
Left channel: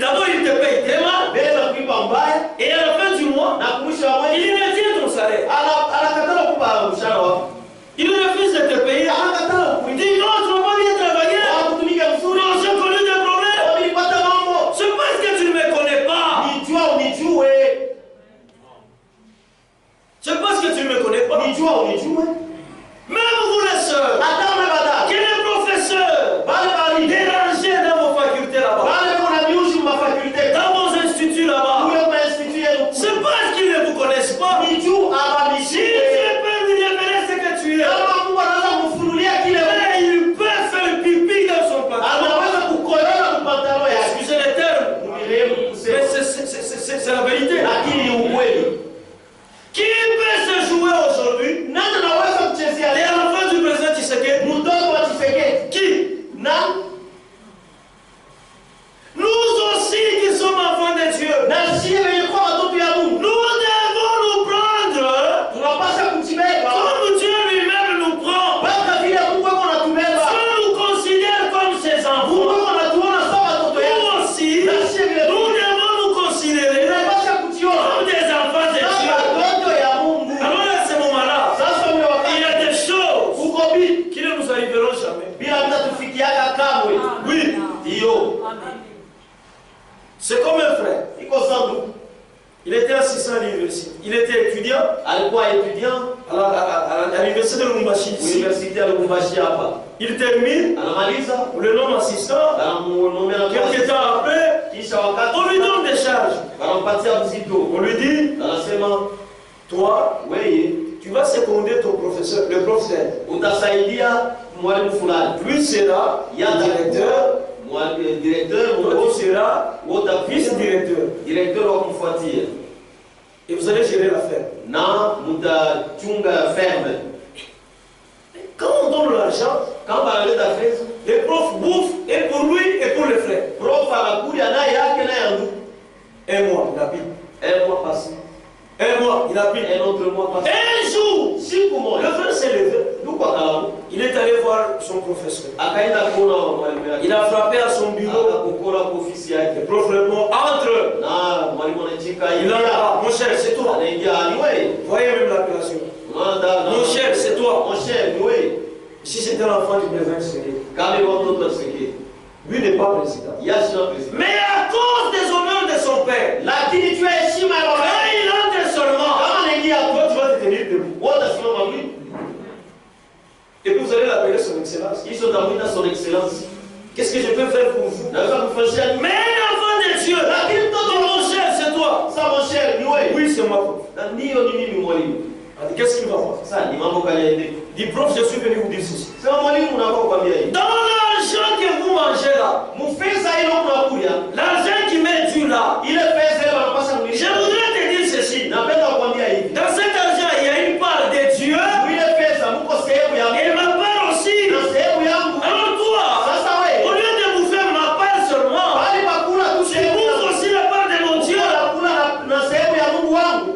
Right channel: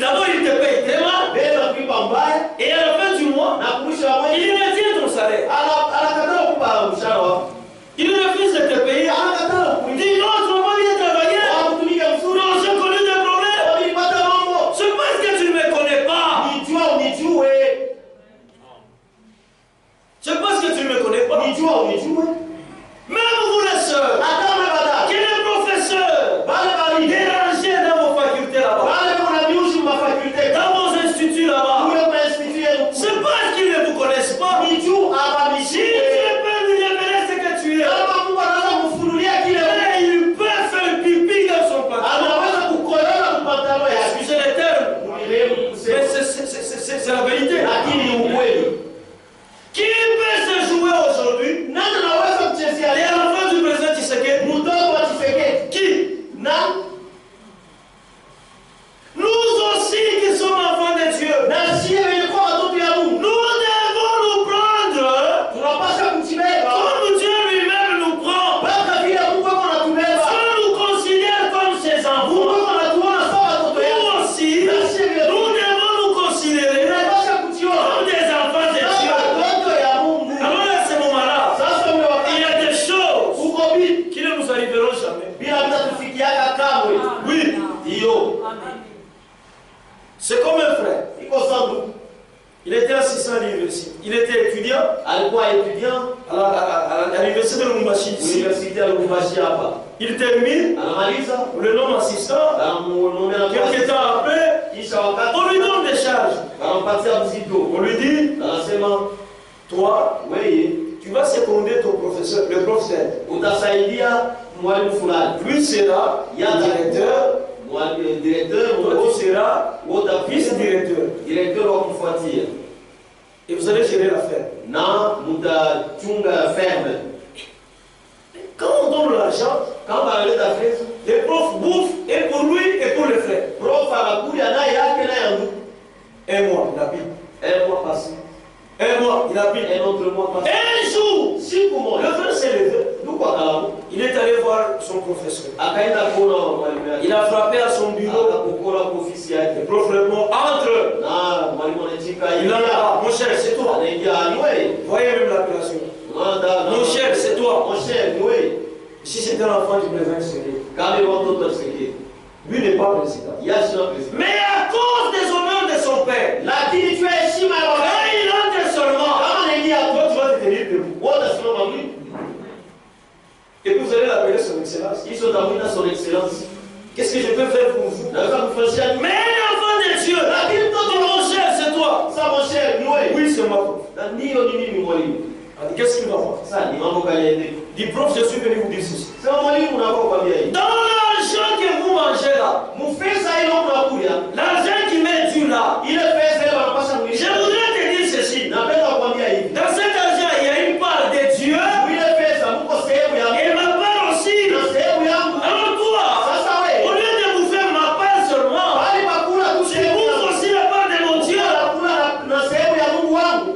d'abord il te paye très mal, mbele anakulipa mbaya, et à la fin du mois, na kumwisho wa mwezi il retient ton salaire. anakataa kukupa mshahara wako, Il refuse de te payer. anakataa Il dit non, tu n'as pas bien travaillé. kukutumika mzuri. Non, j'ai connu des problèmes. Nilipata mambo, C'est parce que tu ne me connais pas. nijua unijue, C'est parce que tu ne me connais pas. nijua unijue. Même vous les sœurs, Hata mabada qui les professeurs, bale bali dérangés dans vos facultés là-bas, bale kuna miushi mafakulte dans vos instituts là-bas, kule kwa institut yenu, c'est parce qu'ils ne vous connaissent pas. nijua aba Si mishie. Dieu peut lui révéler ce que tu es, Kama Mungu anaweza kufunulia kile wewe, mais il peut faire pipi dans son pantalon. anaweza kukolona mpatano yake. Excusez les termes, Mwenyewe mais kusema, c'est la vérité. lakini ni ukweli. Qui peut se jouer aujourd'hui Nani anaweza kuchezea les leo enfants du président Tshisekedi? mtoto wa Tshisekedi? Qui? Na Nous aussi qui sommes enfants de Dieu, na sisi wenye kuwa watoto ya Mungu nous devons nous prendre tunapaswa kujibeba comme Dieu lui-même nous prend. mpaka vile Mungu ako anatubeba. Dieu nous considère comme ses Mungu enfants. ako anatuona sawa watoto yake. Nous aussi, Na sisi vile nous devons nous considérer tunapaswa kujiona comme des enfants de kama Dieu. watoto ya Mungu. Alors à ce moment-là, Sasa ule il y wakati a des choses uko bibi qui ne nous arriveront jamais. bila vitatufikiaka kamwe. Oui, Ndiyo, c'est comme un frère. iko sandu. Il était assistant à l'université. Il était étudiant Alikuwa étudiant à l'université de Lubumbashi ici. university ya Lubumbashi hapa, Il termine, anamaliza on le nomme assistant. anamuombea na Quelques temps après, kisha wakati on lui donne des charges. anampatia mzito, On lui dit, anasema toi, wewe tu Tu vas seconder ton professeur, le professeur. Utasaidia mwalimu fulani. Lui sera directeur. Directeur, Toi tu seras vice-directeur. Directeur wa kumfuatia. Et vous allez gérer l'affaire. Na mutachunga ferme. Quand on donne l'argent, Quand banaleta pesa, les profs bouffent et pour lui et pour les frères. prof anakuja naye yake na yangu. Un mois, il a pris. Un mois passé. Un mois, il a pris. Un autre mois passé. Un jour, Siku moja. le frère s'est levé. Ndugu akalamu. Il est allé voir son professeur. Akaenda kuona mwalimu yake. Il a frappé à son bureau. Akapokola kwa ofisi yake. Le prof répond, entre. Na mwalimu anachika Il en a, mon cher, c'est toi. Anaingia ni wewe. Voyez même l'appellation. Mon cher, c'est toi. Mon cher, ni wewe. Si c'était un enfant du président, c'est lui. Kama watoto wasiki. Lui n'est pas président. Yashina président. Mais à cause des honneurs de son père, Lakini tu heshima ya baba. quand il entre seulement, Kama anaingia toi tu vas te tenir debout. wote simama mwili. Et puis vous allez l'appeler son excellence. Hizo tamuita son excellence. Qu'est-ce que je peux faire pour vous? Naweza kufanyia nini? Mais un enfant de Dieu, Lakini mtoto dis mon cher, c'est toi. Sasa mon cher, ni wewe. Oui, c'est moi. Na ndio ni mimi mwalimu. Qu'est-ce qu'il va faire? Sasa ni mambo gani yaende? Dis prof, je suis venu vous dire ceci. Sasa mwalimu unakuwa kwambia hivi. Dans l'argent que vous mangez là, Mufesa ile unakuja. l'argent qui met Dieu là, Ile pesa ile wanapasha je kulisha. voudrais te dire ceci. Napenda kukwambia hivi. Dans cet argent, il y a une part de Dieu Ile pesa mko sehemu ya et ma part aussi. na sehemu yangu. Alors toi, Sasa au wewe, lieu de vous faire ma part seulement, bali pakula tu tu sehemu bouffes yangu. aussi la part de mon Dieu. Nakula na sehemu ya Mungu wangu.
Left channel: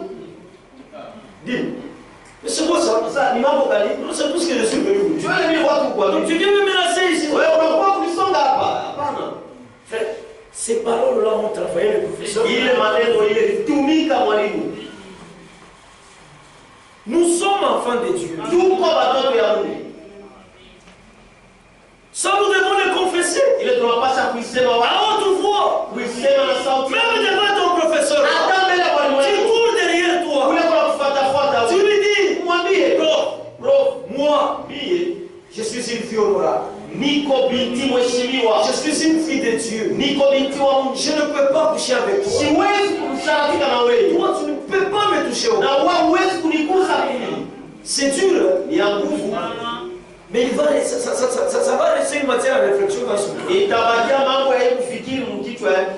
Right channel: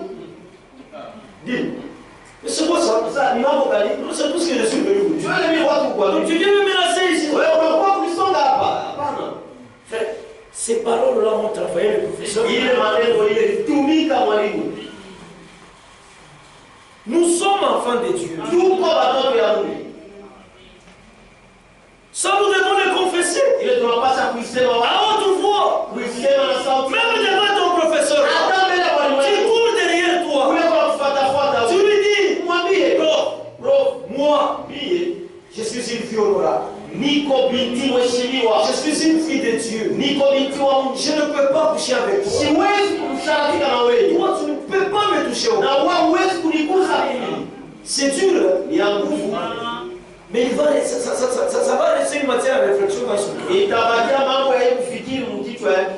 Dis, mais c'est quoi ça? Sasa ni mambo gani? C'est tout ce que je suis venu vous dire. Tuone mimi watu kwa Donc tu viens me menacer ici. wewe unakuwa kunisonga hapa. Hapana. Frère, ces paroles-là ont travaillé le professeur. Ile maneno ile tumika mwalimu. Nous sommes enfants de Dieu. Tuko watoto ya Mungu. Ça, nous devons le confesser. Ile tunapaswa kuisema À wazi. haute voix. Kuisema na sauti. Même devant ton professeur. Hata mbele ya mwalimu Tu wako. cours derrière toi. Kule kwa kufuata Tu lui dis, mwambie, prof, moi, mie je suis une fille honorable. niko binti mheshimiwa. Je suis une fille de Dieu. Niko binti wa Mungu. Je ne peux pas coucher avec toi. Siwezi kumshirikisha na wewe. Toi, tu ne peux pas me toucher au Na corps. wewe huwezi kunigusa mimi. C'est dur, hein? Ni ya nguvu. Mais ça va laisser une matière à réflexion dans son cœur. Itabakia mambo ya kufikiri mkichwa yake.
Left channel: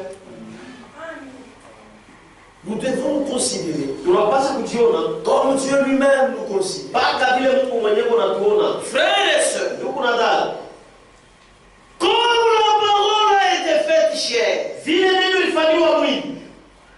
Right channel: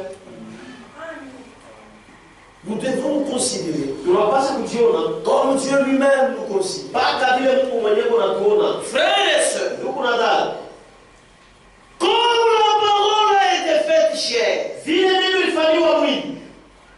Nous devons nous considérer Tunapaswa kujiona comme Dieu lui-même nous considère. mpaka vile Mungu mwenyewe anatuona. Frères et sœurs, Ndugu na dada, comme la parole a été faite chair, vile neno ilifanywa mwili,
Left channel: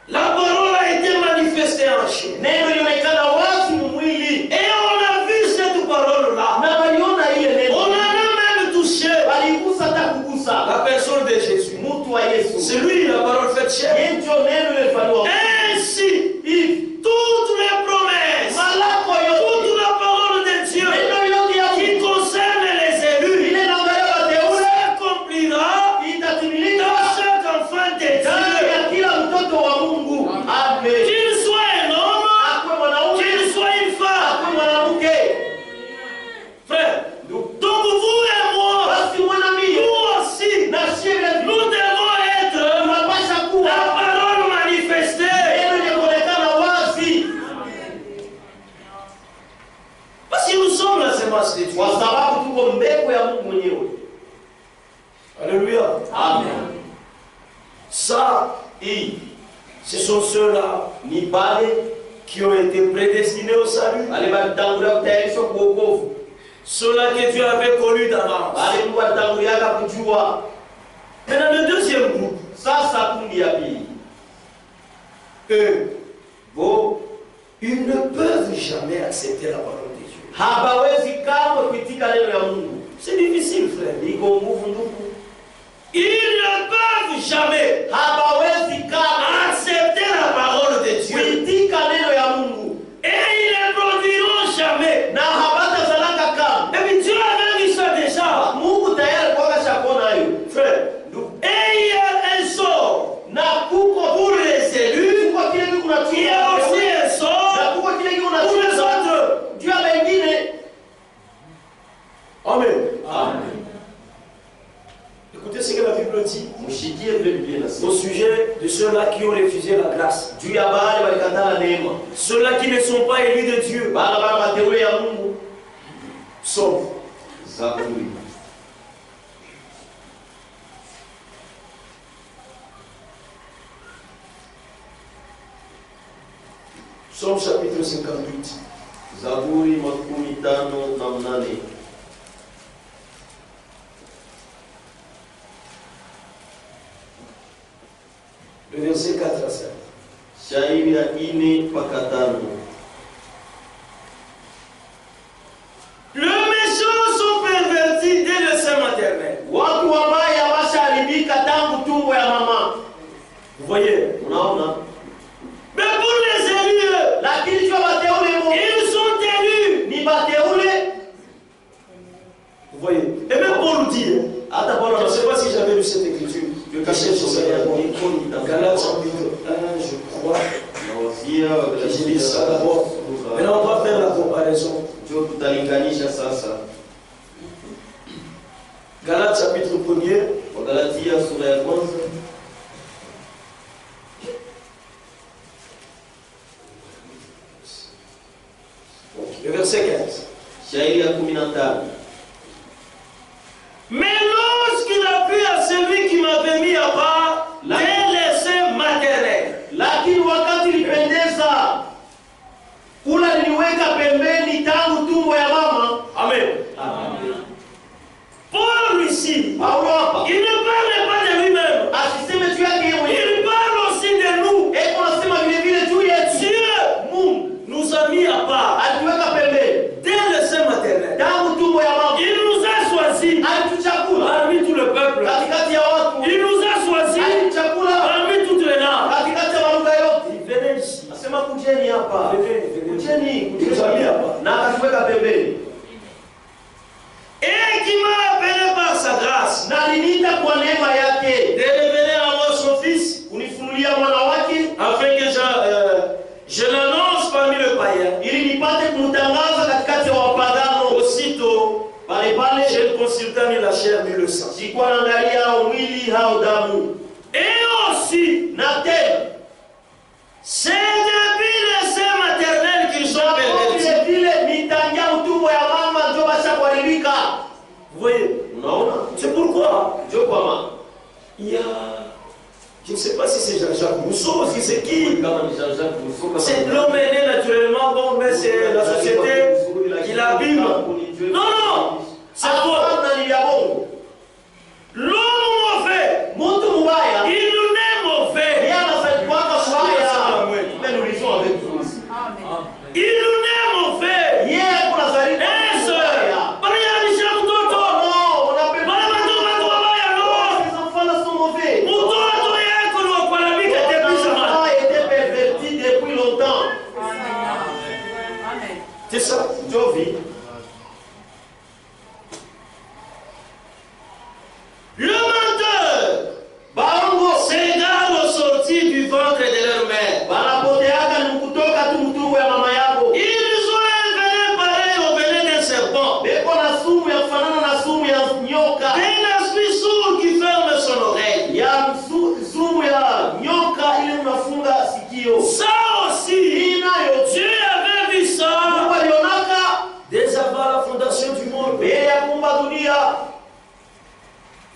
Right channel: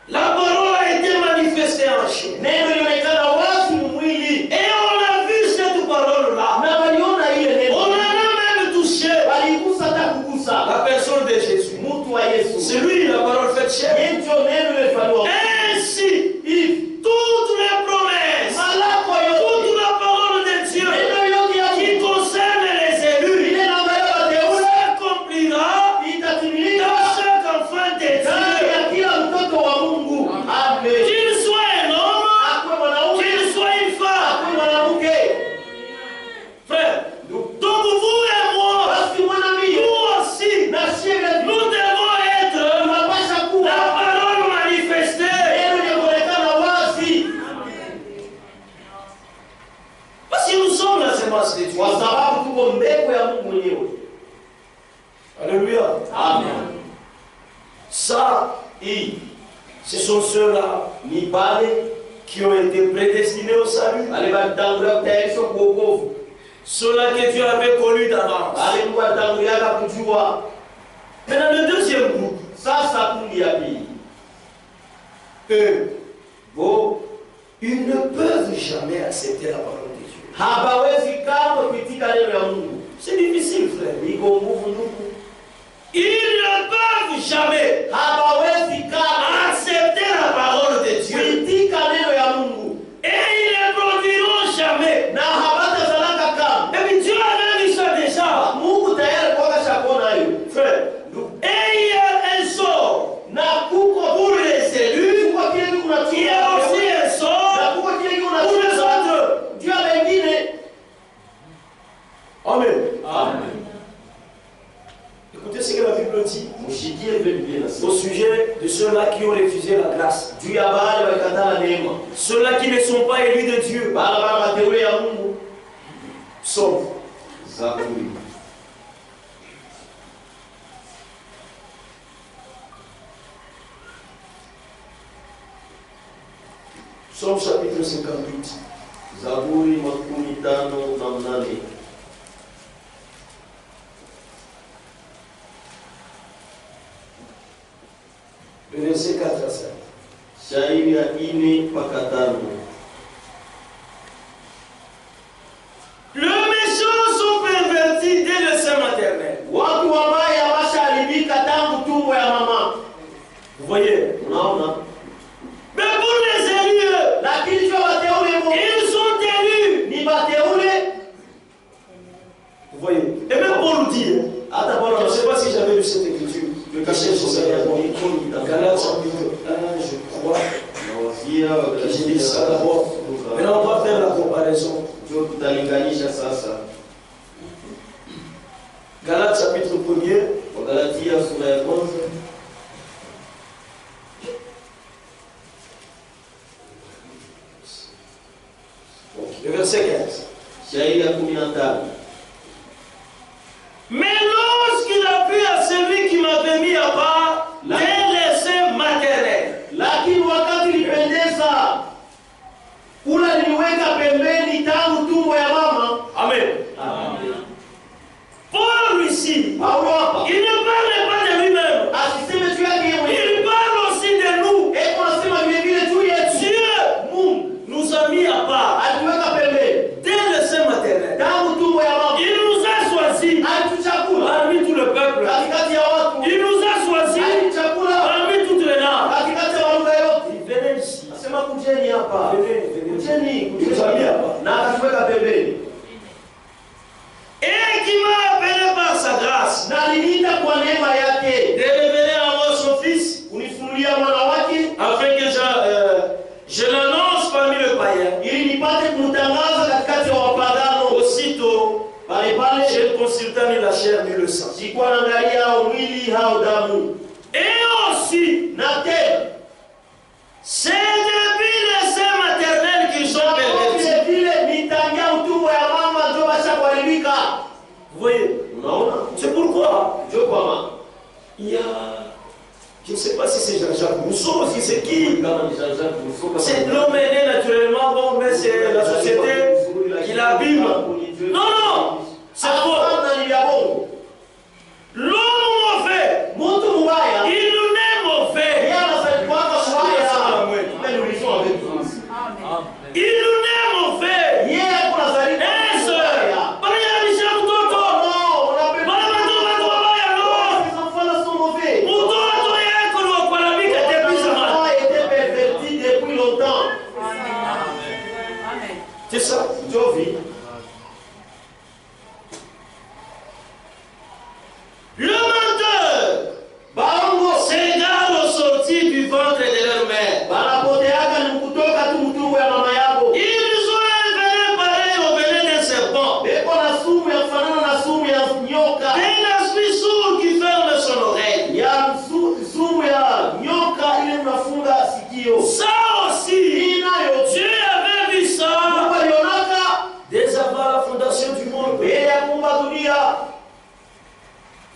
la parole a été manifestée en chair. neno lilionekana wazi mwili, Et on a vu cette parole-là. na waliona ile On neno, en a même touché waligusa hata kugusa la personne de Jésus. mtu wa Yesu. C'est lui la parole faite chair. Yeye ndio neno lilifanywa. Ainsi, toutes les promesses, Malako yote, toute la parole de Dieu neno yote ya qui concerne les élus ile naangalia wateule s'accomplira itatimilika dans chaque enfant de ndani Dieu. ya kila mtoto wa Mungu. Amen. Qu'il soit un homme, Akwe mwanaume, qu'il soit une femme. akwe mwanamke. Frère, donc vous et moi, Basi mwana mimi nous aussi, na sheria nous devons être tunapasha kuwa la parole manifestée. neno linaonekana wazi, Parce que nous sommes la semence de Dieu. kwa sababu tuko mbegu ya Mungu mwenyewe. Alléluia. Amen. Ça, ce sont ceux-là Ni pale qui ont été prédestinés au salut. wale walitangulia kutayarishwa kwa wokovu, Ceux-là que Dieu avait connus d'avance. wale Mungu alitanguliaka kujua. Maintenant, le deuxième groupe, Sasa kundi ya pili, eux, bo ils ne peuvent jamais accepter la parole de Dieu. hawawezi kamwe kuitika neno ya Mungu. C'est difficile, frère. Iko nguvu ndugu, Ils ne peuvent jamais hawawezi kamwe accepter la parole de Dieu. kuitika neno ya Mungu, Et ils ne produiront jamais. na hawatazalaka kamwe. Et puis Dieu avait vu ça déjà. Mungu tayari kwa shakona hiyo. Frère, Ndugu, et il y a un sort na kuko pour les élus, kuko kile kitu il y a aussi un na sort kuko kile kitu pour les autres. juu ya wengine. Amen. Amen. Écoutez ce que la Bible Bible dit Mshikie vile Biblia inasema. au sujet de ceux-là qui ont refusé la grâce. Juu ya wale walikataa neema. Ceux-là qui ne sont pas élus de Dieu. Bala bala mateule ya Mungu. Psaume. Zaburi. Psaume chapitre 58. Zaburi 58. Le verset 4 à 5. Shairi ya 4 mpaka 5. Le méchant sont pervertis dès le sein maternel. Watu wabaya washaharibika tangu tumbo ya mama. Vous voyez? Unaona? Mais pour les élus, Lakini kwa wateule Mungu, ils sont élus. ni wateule. Vous voyez? Et même Paul dit, Hata Paulo je ne sais anasema pas si j'avais lu cette écriture. je Caché sur kashe sa Galates chapitre 1, je crois. Que j'ai lu ça d'abord. Maintenant, on va faire la comparaison. Ndio tutalinganisha sasa. Galates chapitre 1er. Wagalatia sura ya 1. Le verset 15. Shairi ya 15. Mais lorsqu'il a plu à celui qui m'avait mis à part, dès les seins maternels. Lakini wakati nilipendeza, kula niliweka pembeni tangu tumbo ya mama. Amen. Amen. Paul ici, Paulo hapa il ne parle pas de lui-même. asiseme juu yake yeye mwenyewe. Il parle aussi de nous. Eko anasema vile vile juu yetu. Dieu Mungu nous a mis à part alituweka pembeni dès le sein maternel. tangu tumbo ya mama. Il nous a choisis Alituchagua parmi tout le peuple. katikati ya watu. Il nous a choisis Alituchagua parmi toutes les langues. katikati ya malugha yote. Venez ici. Nasema kujeni hapa. Venez. Kujeni, Il nous a mis à part. na akatuweka pembeni. Et qui m'a appelé par sa grâce Na aliniita kwa neema yake. de révéler à moi son fils, Unifunulia mwana wake afin que je l'annonce parmi le païen. ili nipate kumtangaza katikati ya wapagano. Aussitôt, Pale pale je ne consultais ni la chair ni le sang. sikuwa naangalia au mwili au damu. Et aussi, Na tena c'est depuis le sein maternel qu'ils sont pervertis. vile vile nitangia utumbo ya mama ndio basha kuharibika. Vous voyez? Unaona? C'est pourquoi Ndio kwa mama. il y a, je ne sais pas si c'est Jean-Jacques Rousseau, si c'est qui. Kama ni Jean-Jacques Rousseau kama C'est l'homme est né naturellement, bon, mais c'est la société qui l'abîme. Non, c'est faux. Hapana, ni vya bongo. L'homme mauvais, Mtu mbaya il nous est mauvais. yeye anasaidiwa mbaya. Mais nous lisons avec vous. Il nous est mauvais. Yeye alikuwa anasaidiwa Est-ce mbaya. pas y a des gens d'autres? Non, on appelle Bana watu wabaya no. les enfants là sont mauvais. Mtoto yako ni wa kuharibika kabisa Les man. enfants étaient pervertis depuis longtemps. C'est ça. Jovi. Le menteur Baongo s'égare au sortir du ventre de leur mère. wanapoteaka ni kutoka tu mtumbo ya mama yako. Ils ont un venin pareil au venin d'un serpent. Beko na sumu ya kufanana na sumu ya nyoka. Un esprit sourd qui ferme son oreille. Ya sumu ya nyoka ile unafunga sikio. Ça aussi, Dieu avait vu ça Mungu alionaka dès avant la fondation du monde. mbele ya kuumba dunia.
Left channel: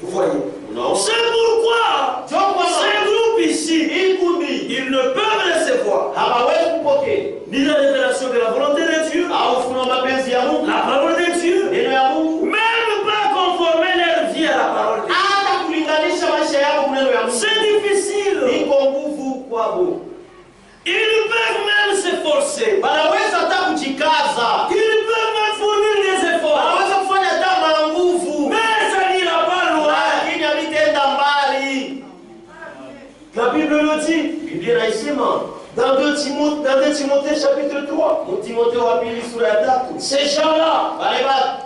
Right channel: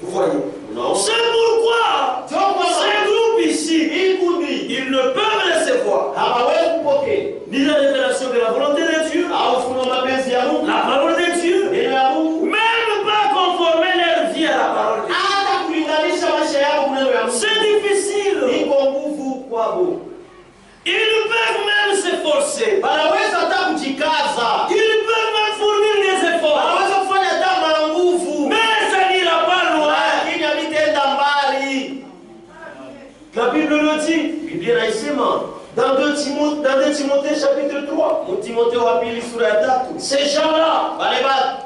Vous voyez? Unaona? C'est pourquoi ces groupes ici, Hii kundi ils ne peuvent recevoir hawawezi kupokea ni la révélation de la volonté de Dieu, au ufunuo wa mapenzi ya Mungu, la parole de Dieu, neno ya Mungu, même pas conformer leur vie à la parole de Dieu. hata kulinganisha maisha yao kwa neno ya Mungu. C'est difficile. Iko nguvu kwao. Ils peuvent même s'efforcer. Wanaweza hata kujikaza. Ils peuvent même fournir des efforts. Wanaweza kufanya hata na nguvu. Mais ça n'ira pas loin. Lakini havitaenda mbali. La Bible le dit Biblia inasema dans 2 Timothée chapitre 3. Timotheo wa pili sura ya 3. Ces gens-là, Wale watu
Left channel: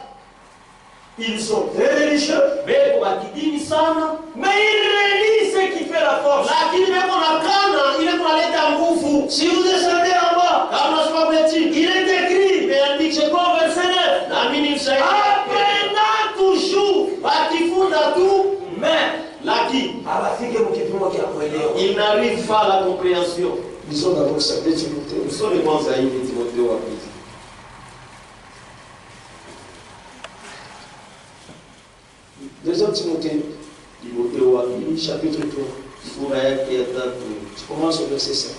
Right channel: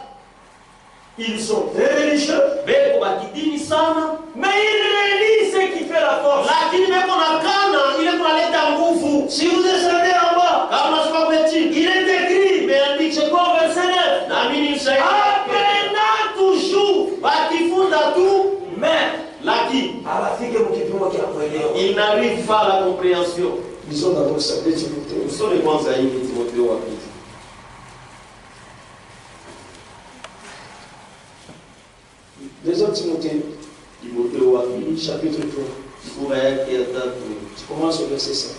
ils sont très religieux, beko bakidini sana, mais ils relient ce qui fait la force. lakini beko na kana ile kunaleta nguvu. Si vous descendez en bas, Kama unasoma kwenye chini, il est écrit, imeandikwa c'est quoi verset 9? naamini msaidie. Apprenant toujours, Wakifunza tu, mais lakini Il n'arrive pas à la compréhension. Lisons d'abord ça, 2 Timothée. Nous sommes les bons aïeux de Timothée au Apôtre. Deuxième Timothée, chapitre 3. Tu commences au verset 5.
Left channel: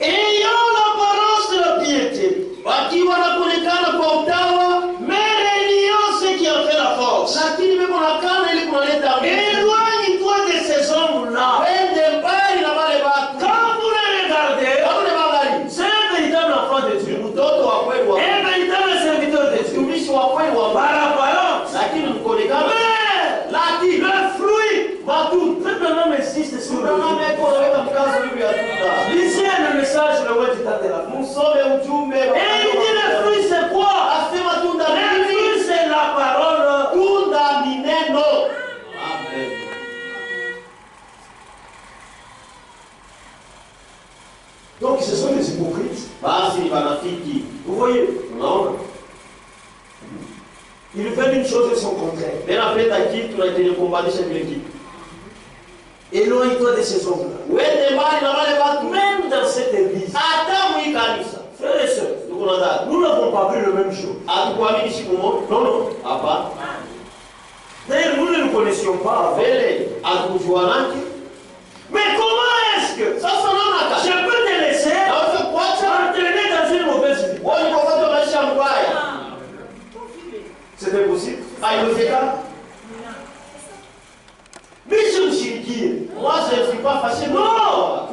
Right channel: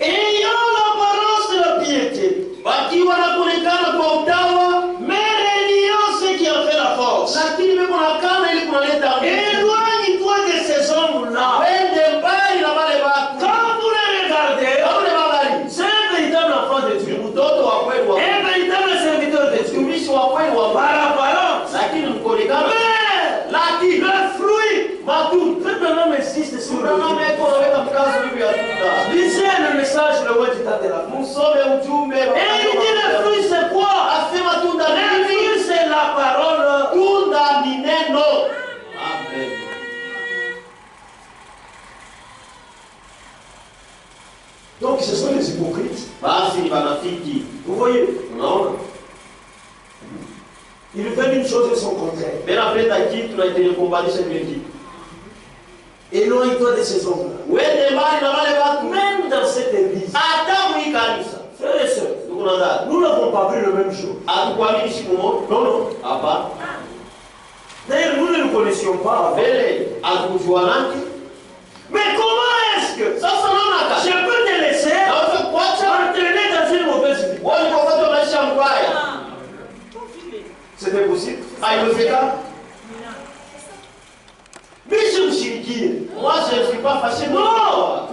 Ayant l'apparence de la piété, Wakiwa wanaonekana kwa utawa, mais réuniant ce qui en fait la force. lakini wanaonekana ili kunaleta nguvu. Éloigne-toi de ces hommes-là. Wende mbali na wale watu. Quand vous les regardez, Kama ni magari, c'est un véritable enfant de Dieu. mtoto wa kweli wa Mungu. Un véritable serviteur de Dieu. Mtumishi wa kweli wa Mungu. Par apparence. Lakini mkonekana. Mais Lakini le fruit, matunda. tout un homme insiste sur le Unaona fruit. meko unaweka mkazo juu ya tunda. Lisez le message, le word du temps de la vie. Msome ujumbe. Et il dit le fruit c'est quoi? Asema tunda Le nini? fruit c'est la parole. Tunda ni neno. Amen. Donc ce sont les hypocrites. Basi ni wanafiki. Vous voyez, Unaona? ils veulent une chose et son contraire. Benapenda kitu na itenyekumbanisha kile kitu. Éloigne-toi de ces hommes-là. Wende mbali na wale watu. Même dans cette église, Hata mwi kanisa. frères et sœurs, Ndugu na dada. nous n'avons pas pris le même jour. Hatukuamini siku moja. Non, non. Hapa. D'ailleurs, nous ne le connaissions pas avant. Mbele hatukujuanake. Mais comment est-ce que Sasa naona je kama peux te laisser naweza kuacha entraîner dans une mauvaise vie? wewe kwa sababu maisha mbaya. C'était possible. Haiwezekani. Mais je me suis dit, Moi je ne suis pas fâché. non,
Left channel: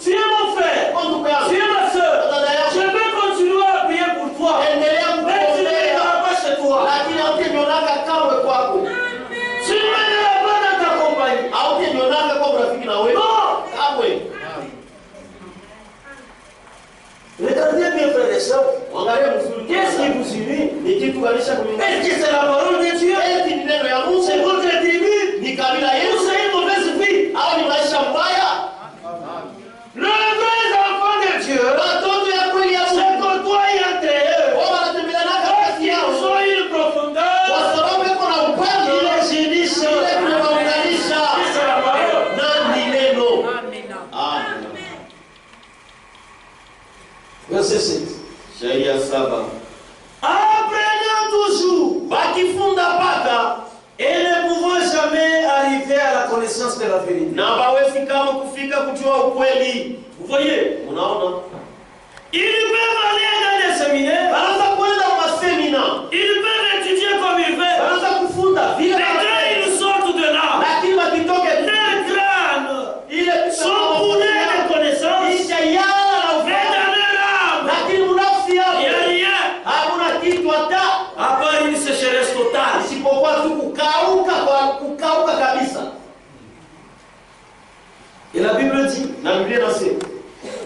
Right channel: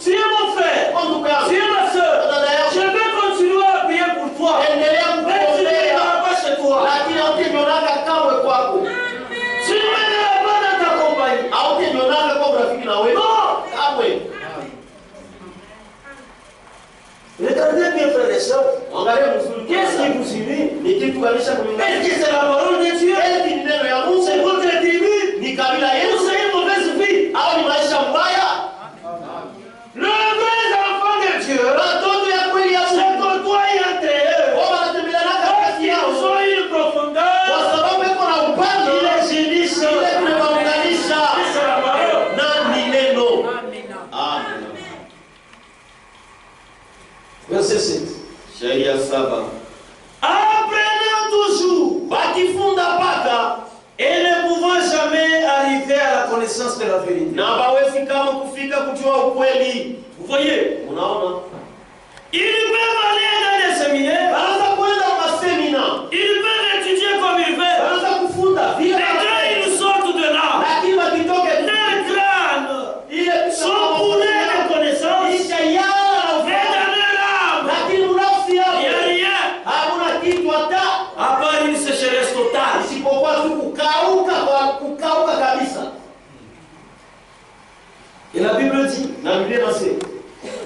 tu es mon frère, En tout cas, tu es ma soeur. dada Je yangu. vais continuer à prier pour toi. Endelea Mais tu ne kuombea. viendras pas chez toi. Lakini hautenionaka kamwe kwako. Tu ne viendras pas dans ta compagnie. Hautenionaka kwa urafiki na wewe. Non. Kamwe. Regardez bien, frères et sœurs. Angalia mzuri. Qu'est-ce qui vous unit? Ni kitu kanisha kulingana. Est-ce que c'est la parole de Dieu? Eti ni neno ya Mungu. C'est votre tribu? Ni kabila Ou yetu. c'est une mauvaise vie? Au ni maisha mbaya. Le vrai enfant de Dieu, Watoto ya kweli ya c'est Mungu. côtoyer entre eux. Wao wanatembeleanaka kati Ils yao. ont une profondeur. Kwa sababu iko na upande Ils ile les unissent. tunaunganisha. C'est la parole. Na ni neno. Amen. Verset 7. Sheria 7. Apprenez toujours Bakifunda paka et ne pouvant jamais arriver à la connaissance de la vérité. na hawezi kama kufika kujua ukweli. Vous voyez, Unaona? ils peuvent aller dans des séminaires, Wanaanza kwenda kwa semina. ils peuvent étudier comme ils veulent. Wanaanza kufunda vile Mais quand ils sortent de là, lakini wakitoke leurs crânes ile sont bourrés de connaissances, isha yala mais dans leur âme, lakini nafsi il n'y a yao rien, hakuna kitu hata à part une sécheresse totale. isipokuwa tu kukauka kabisa. Et la Bible dit, Na Biblia inasema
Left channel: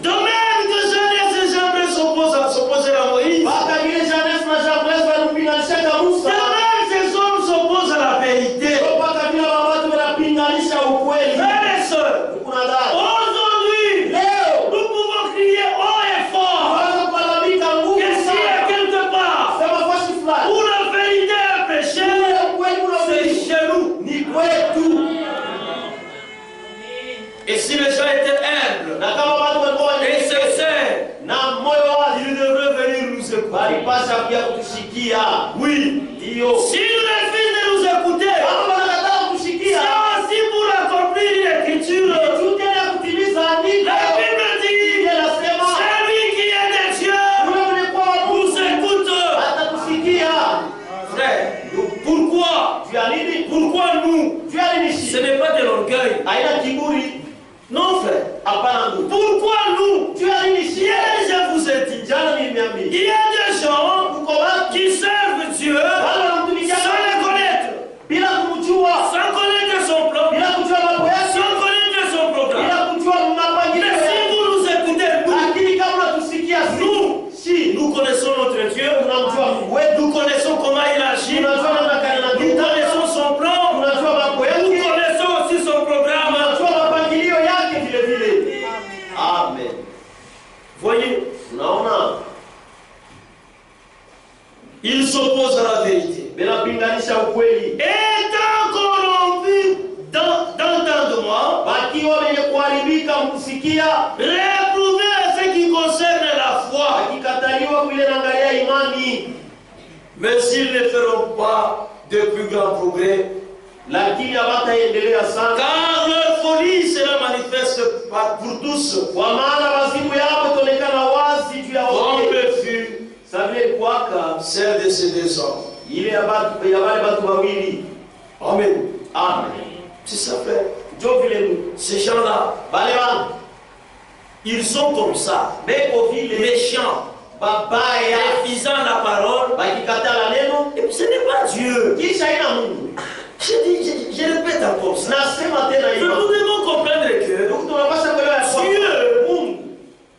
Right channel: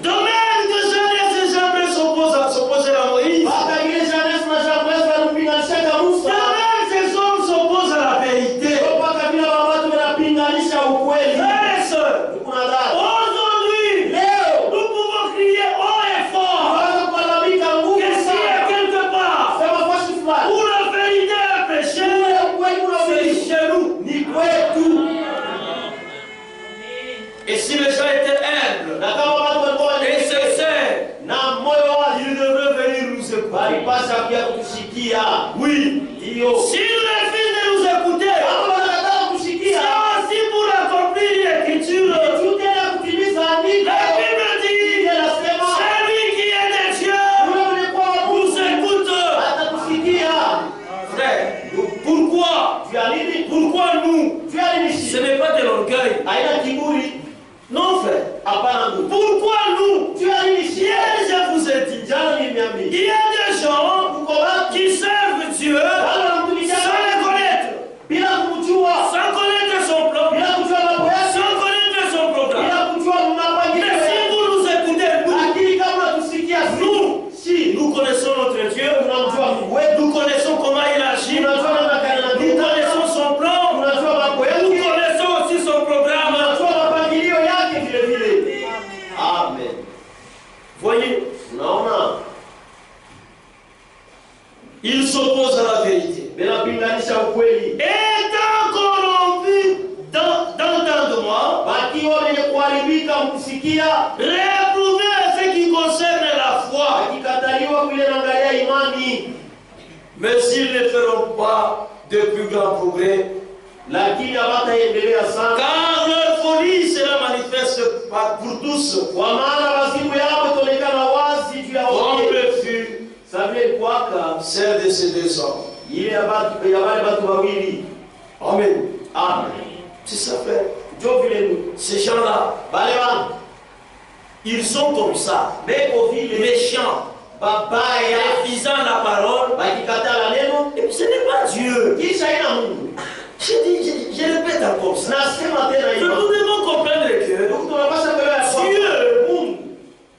de même que Jeunesse et Jambres s'opposent à Moïse, mpaka ile Janesi na Jambres walimpinganisha de Musa. même ces hommes s'opposent à la vérité. Mpaka vile watu wanapinganisha ukweli. Frères et sœurs, Kuna dada. aujourd'hui, Leo nous pouvons crier haut et fort tunaweza kulalamika nguvu que s'il y a sana. quelque part Sema fasi fulani. où la vérité est prêchée, Ule ukweli c'est unaoishi chez nous. ni kwetu. Et si les gens étaient humbles Na kama watu walikuwa et wenye sincères, na moyo wazi, ils devraient venir nous écouter. walipasha pia kutushikia. Oui. Hiyo S'ils refusent de nous écouter, kama wanakataa kutushikia, c'est aussi pour accomplir l'écriture. tute ya kutimiza andiko. La Bible dit, Biblia inasema celui qui est de Dieu yule mwenye kuwa wa Mungu nous écoute. atatusikia. Frère, pourquoi? Juu ya nini? Pourquoi nous? Juu ya nini? Ce n'est pas de l'orgueil. Haina kiburi. Non, frère. Hapana ndugu. Pourquoi nous? Juu ya nini? Hier, je vous ai dit, Jana nimeambia. il y a des gens Uko wapi? qui servent Dieu Wale wanamtumikia sans le connaître, bila kumjua, sans connaître son plan, bila kujua mambo yake, sans connaître son programme. bila kujua mapangilio Mais si yake. vous nous écoutez, Lakini kama unatusikia si nous connaissons notre Dieu, tunamjua Mungu wetu, nous connaissons comment il agit, tunajua namna gani nous anatenda, connaissons son plan, tunajua mambo nous yake, connaissons aussi son programme. tunajua mapangilio yake vile vile. Amen. Voyez, Unaona? il s'oppose à la vérité. Bila pinganisha ukweli. Étant corrompu kusikia, réprouvé à ce qui concerne la foi. akikataliwa kule naangalia imani. Mais s'ils ne feront pas de plus grands progrès, Lakini hawataendelea sana, car leur folie sera manifeste pour tous, kwa maana wazimu yao itaonekana wazi juu ya comme wote. le fut Samuel kwaka celle de ces deux hommes. ile ya wale watu wawili. Amen. Amen. Tu sais, frère, Ndio vile ces gens-là, wale watu ils sont comme ça, beko vile méchants, babaya, refusant la parole, bakikatala neno et puis ce n'est pas Dieu. kisha ina Mungu. Je répète encore ça. Nasema tena Nous hiyo. devons comprendre que Ndio tunapaswa kuelewa ya kwamba Dieu Mungu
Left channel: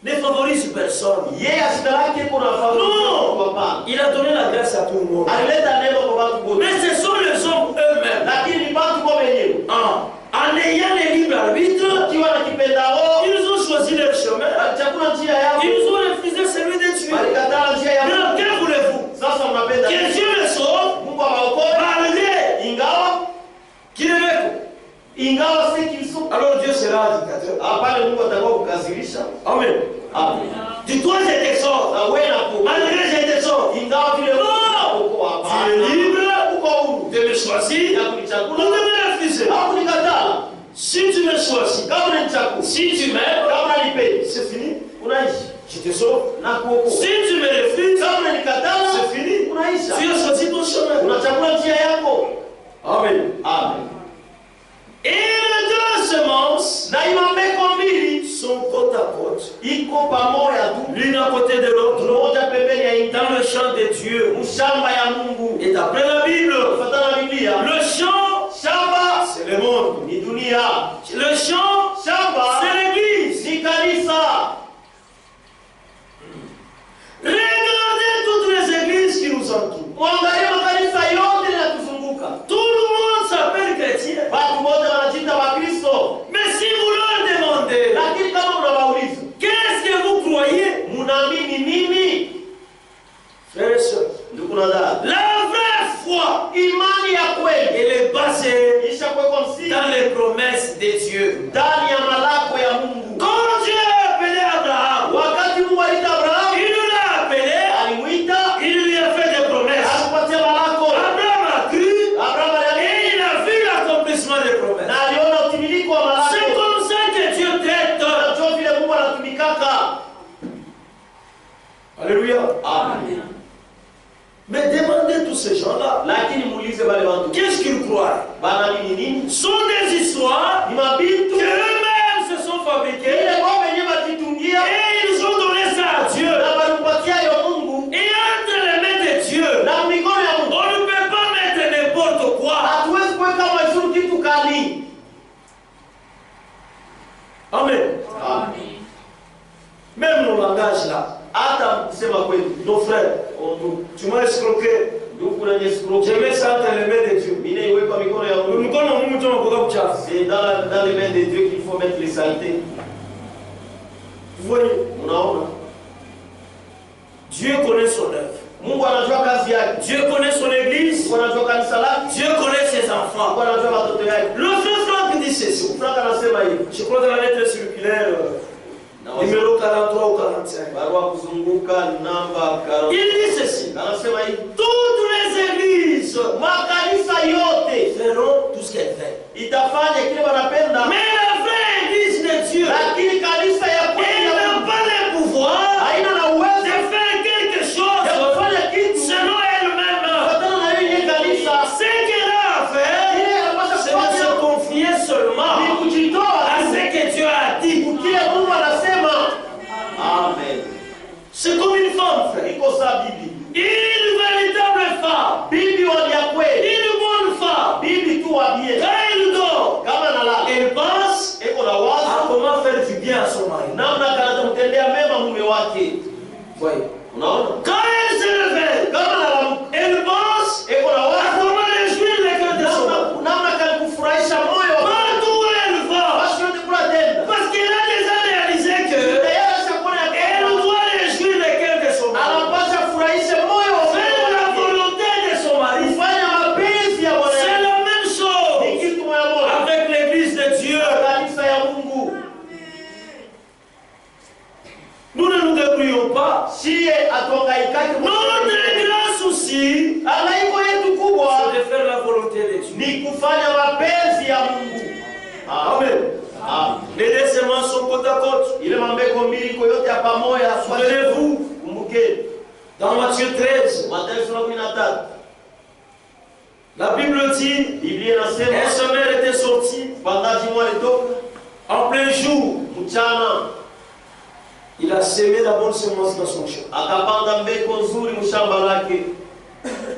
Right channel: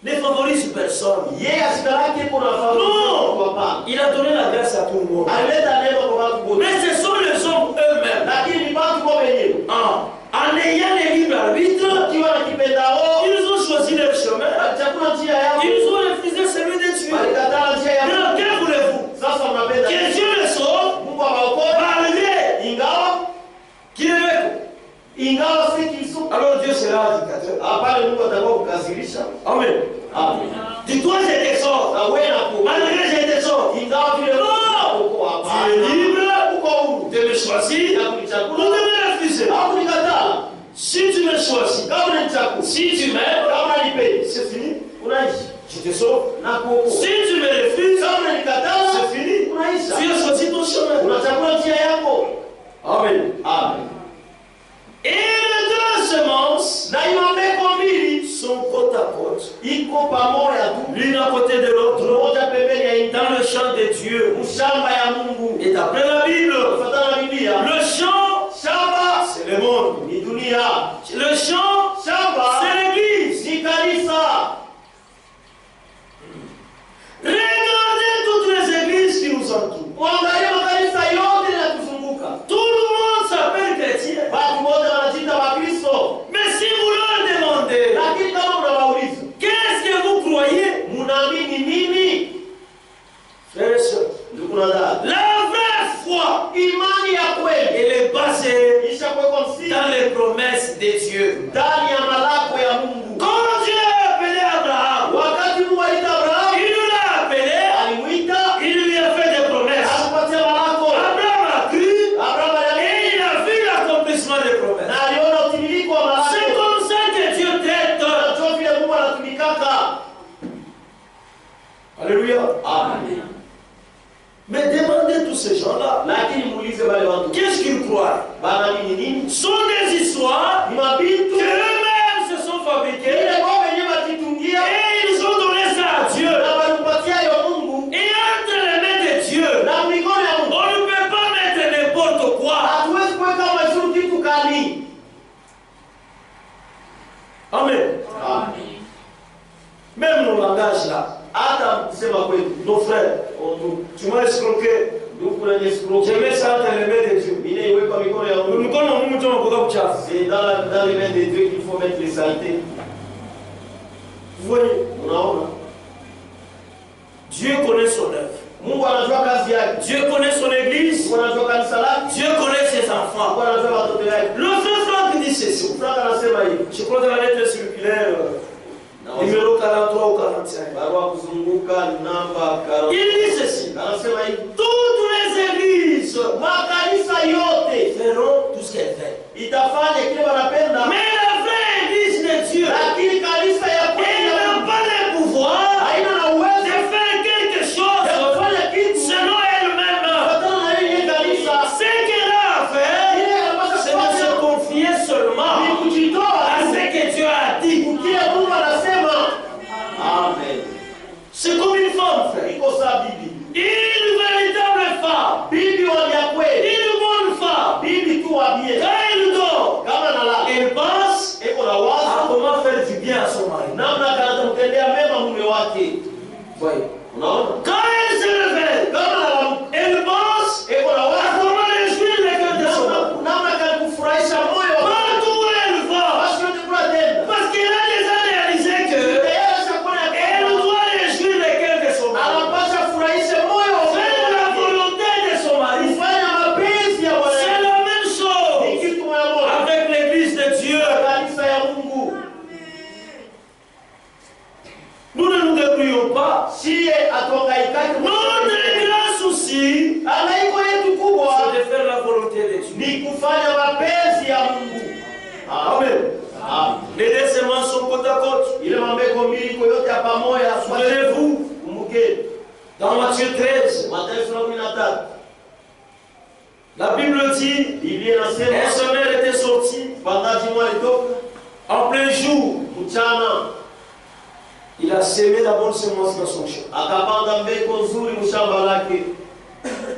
ne favorise personne. yeye asida lake kuna fahamu Non, kwa pana. il a donné la grâce à tout le monde. Alileta neno kwa watu wote. Mais ce sont les hommes eux-mêmes, Lakini ni watu kwa wenyewe. en ayant le libre arbitre, Kiwa na kipendao, ils ont choisi leur chemin, walichagua njia yao. ils ont refusé celui de Dieu. Walikatala njia yao. Alors, que voulez-vous? Sasa mnapenda Que Dieu le sauve, Mungu awaokoe malgré ingawa qu'il est avec. ingawa si kisu. Alors Dieu sera indicateur. Hapana, Mungu atakuwa kukasirisha. Amen. Amen. Dis-toi, je te sors. Na wewe na ku Malgré je te sors. ingawa vile uko hapa. Tu es libre Uko huru. de me choisir Ya ou kunichagua. de me refuser. Au kunikatala. Si tu me choisis, Kama unanichagua. si tu m'aimes, Kama unanipenda. c'est fini. Unaishi. Je te sauve. Na kuokoa. Si tu me refuses, Kama unanikatala. c'est fini. Unaisha. Tu as choisi ton chemin. Unachagua njia yako. Amen. Amen. Et les deux semences Na imambeko mbili sont côte à côte, iko pamoja tu. l'une à côté de l'autre, Moja pembeni ya ingine. dans le champ de Dieu. Shamba ya Mungu. Et d'après la Bible, Kufuatana na Biblia, le champ, shamba c'est le monde. ni dunia. Le champ, Shamba c'est l'église. ni kanisa. Regardez toutes les églises qui nous entourent. Mwangalie makanisa yote yanatuzunguka. Tout le monde s'appelle chrétien. Watu wote wanajiita Wakristo. Mais si vous leur demandez, Lakini kama unawauliza, qu'est-ce que vous croyez, munaamini nini? frères et sœurs, Ndugu na dada, la vraie foi, imani ya kweli elle est basée ishakuwekwa msingi dans les promesses de Dieu. ndani ya malako ya Mungu. Quand Dieu a appelé Abraham, Wakati Mungu aliita Abrahamu, il l'a appelé, alimuita, il lui a fait des promesses. alimpatia malako. Abraham a cru Abrahamu aliamini et il a vu l'accomplissement des promesses. na aliona utimilifu wa malako. C'est comme ça que Dieu traite. Ndio vile Mungu anatumikaka. Alléluia. Amen. Mais demandez tous ces gens-là, Lakini muulize wale watu, qu'est-ce qu'ils croient? banaamini nini? Sont des histoires Ni mabitu qu'eux-mêmes se sont fabriquées ile wao wenyewe wajitungia et ils ont donné ça à Dieu. na walimpatia hiyo Mungu Et entre les mains de Dieu, na mikono ya Mungu. on ne peut pas mettre n'importe quoi. Hatuwezi kuweka majuru kitu kali. Amen. Amen. Même nos langages là, Hata kusema kweli, nos frères, tu m'as escroqué. ndugu kuna nyesukuru. Je mets ça entre les mains de Dieu. Mine iweka mikono ya Mungu. Mikono wa Mungu ndio unakuwa kuchafu. C'est dans les mains de Dieu qu'il faut mettre les saletés. Vous voyez, Unaona? Dieu connaît son œuvre. Mungu anajua kazi yake. Dieu connaît son église. Mungu anajua kanisa lake. Dieu connaît ses enfants. Mungu anajua watoto wake. Le frère Franck dit ceci. Frank anasema hivi. Je crois dans la lettre circulaire numéro 43 ou 45. Barua kuzunguka namba 40. Il dit ceci. Anasema hivi. Toutes les églises Makanisa yote feront tout ce qu'elles veulent. itafanya kile wanapenda. Mais la vraie église de Dieu, Lakini kanisa ya elle kweli n'a pas le pouvoir haina na de uwezo faire quelque chose ya kufanya kitu selon elle-même. kufuatana na yeye kanisa. Ce qu'elle a à faire, Ile anapaswa c'est de se kufanya confier seulement ni kujitoa à ce que Dieu a dit. kile Mungu anasema. Amen. C'est comme une femme, frère. Iko saa bibi. Une véritable femme. Bibi wa ya kweli. Une bonne femme. Bibi tu wa bien. Quand elle dort, Kama nalala. elle pense Iko na à wazo comment faire du bien à son mari. namna atamtendea mema mume wake. Voyez. Unaona? Quand elle se réveille, Kama nalala. elle pense Iko na à wazo comment réjouir le cœur de son mari. namna kufurahisha moyo wake. Partout où elle va, Basi yote kuna tenda. parce qu'elle a déjà réalisé que Tayari chakula ya elle doit réjouir le cœur de son mari. anapaswa furahisha moyo wa Faire la wake. volonté de son mari. Kufanya mapenzi ya Bwana. C'est la même chose Ni kitu moja moja. avec l'église de Dieu. Kanisa ya Mungu. ya pamoja. Souvenez-vous, Kumbuke dans Matthieu 13, Mathayo sura 13. la Bible dit, Biblia un inasema semeur était sorti mpandaji mmoja alitoka en plein jour. mchana Il a semé la bonne semence dans son champ. akapanda mbegu nzuri mshamba lake.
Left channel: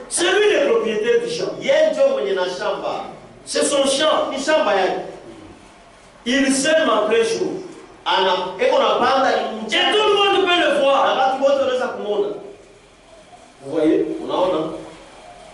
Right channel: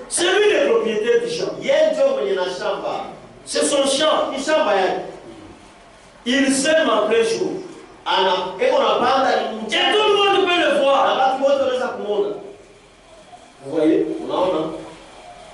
C'est lui le propriétaire du champ. Yeye ndio mwenye na shamba. C'est son champ. Ni shamba yake. Il sème en plein jour. Eko napanda Et mchana. tout le monde peut le Na voir. watu wote wanaweza kumuona. Vous voyez? Unaona?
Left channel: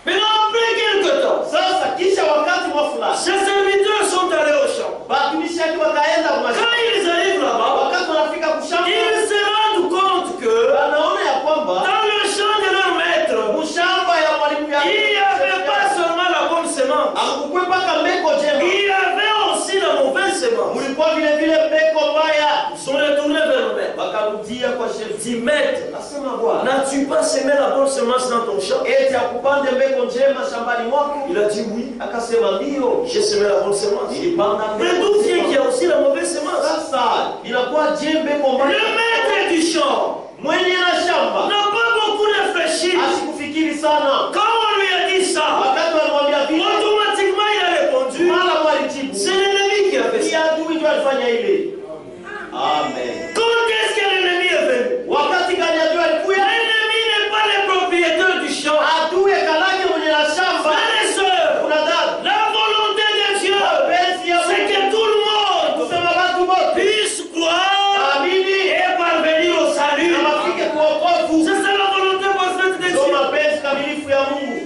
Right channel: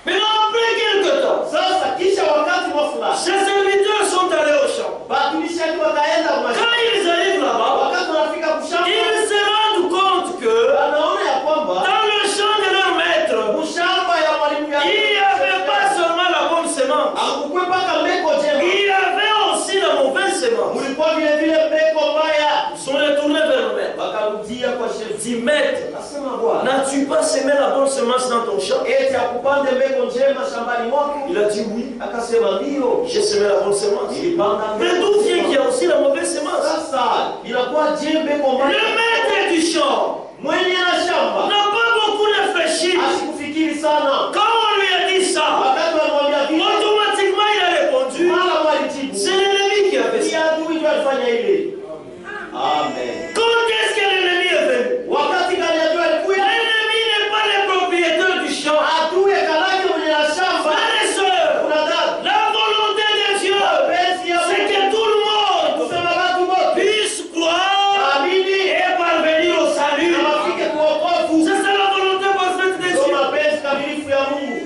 Maintenant, après quelque temps, Sasa kisha wakati mwa fulani ses serviteurs sont allés au champ. batumishi wake wakaenda kwa Quand mashamba. ils arrivent là-bas, Wakati wanafika kushamba ils se rendent compte que wanaona ya kwamba dans le champ de leur maître, mshamba ya mwalimu il n'y avait pas seulement la bonne semence, akukwe paka mbeko jema. il y avait aussi la mauvaise semence. Mulikuwa vile vile mbeko mbaya. Ils sont retournés vers le maître. Wakarudia kwa shefu. Dit, maître, Nasema bwana, n'as-tu pas semé la bonne semence dans ton champ? eti akupande mbeko njema shambani mwako? Il a dit oui, Akasema ndio. j'ai semé la bonne semence. Nilipanda Mais d'où vient qu'il y a aussi la mauvaise semence? Sasa inakuwa je mbeko Le mbaya? maître du champ Mwenye na shamba n'a pas beaucoup réfléchi. asikufikiri sana. Quand on lui a dit ça, Wakati walimwambia vile, automatiquement il a répondu, mara mwalijibu, c'est l'ennemi qui a fait ni ça. adui ndio alifanya ile. Amen. Quand est-ce que l'ennemi est venu? Wakati gani adui alikuja? L'ennemi n'est pas le propriétaire du champ. Adui kalake mwenye na shamba. Frères et sœurs, Kuna dada. la volonté de Dieu, Penzi ya c'est que tout le monde kusema watu wote puisse croire amini et parvenir au salut. na wafike kuokovu. C'est ça la volonté parfaite de Ndio Dieu. mapenzi kamilifu ya Mungu.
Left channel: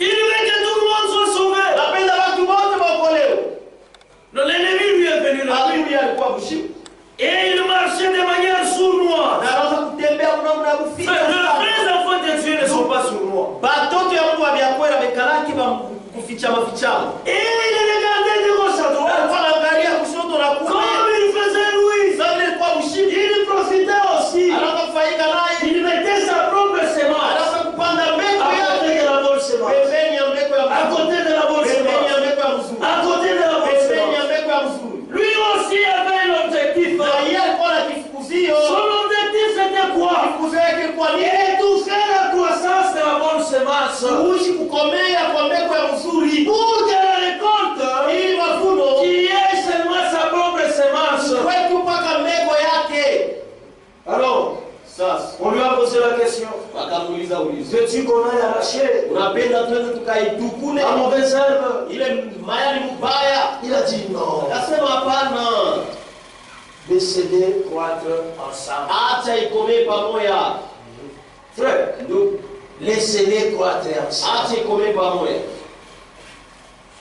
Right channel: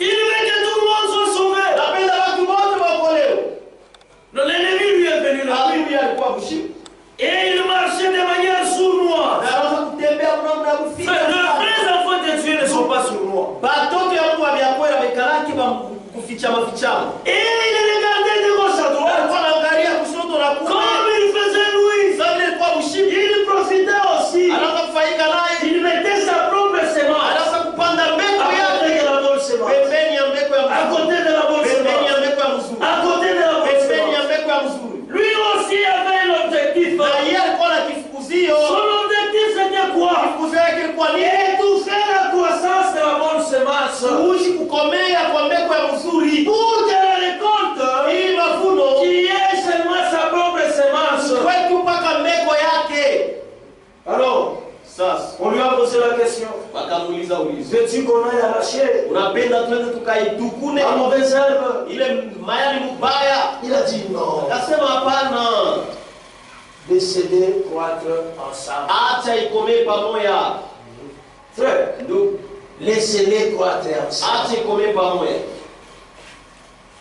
Il veut que tout le monde soit sauvé. Napenda watu wote waokolewe. Non, l'ennemi lui est venu là. Adui alikuwa mshindi. Et il marchait de manière sournoise. Na anaanza kutembea mnamna kufika. Les vrais enfants de Dieu ne sont pas sournois. Batoto ya Mungu abiakwera bekalaki ba kufichama fichama. Et il regardait de gauche à droite. Alikuwa anaangalia kushoto na kulia. Comme il faisait lui, Sasa ile ilikuwa mshindi. il profitait aussi. Anaanza kufanyika naye. Il mettait sa propre semence Anaanza kupanda mbegu à yake. côté de la bonne semence. Pembeni ya mbegu ya À mzuri. côté de la bonne Pembeni ya semence. mbegu ya mzuri. À côté de la bonne Pembeni ya semence. mbegu ya mzuri. Lui aussi avait un objectif. Na yeye alikuwa na kifukuzio. Son objectif c'était quoi? Kifukuzio yake ilikuwa ni Étouffer la croissance de la bonne semence. kuishi kukomea kwa mbegu ya mzuri. Pour que la récolte Ili mavuno qui est seulement sa propre semence. kwetu mpaka mbegu yake. Alors, Sasa on lui a posé la question. wakamuuliza ulizo. Veux-tu qu'on aille arracher Unapenda twende tukaitukune la mauvaise herbe? ile mayani mbaya? Il a dit non. Akasema hapana. Laissez-les croître ensemble. Acha ikomee pamoja. Frère, Ndugu, laissez-les croître ensemble. acha ikomee pamoja.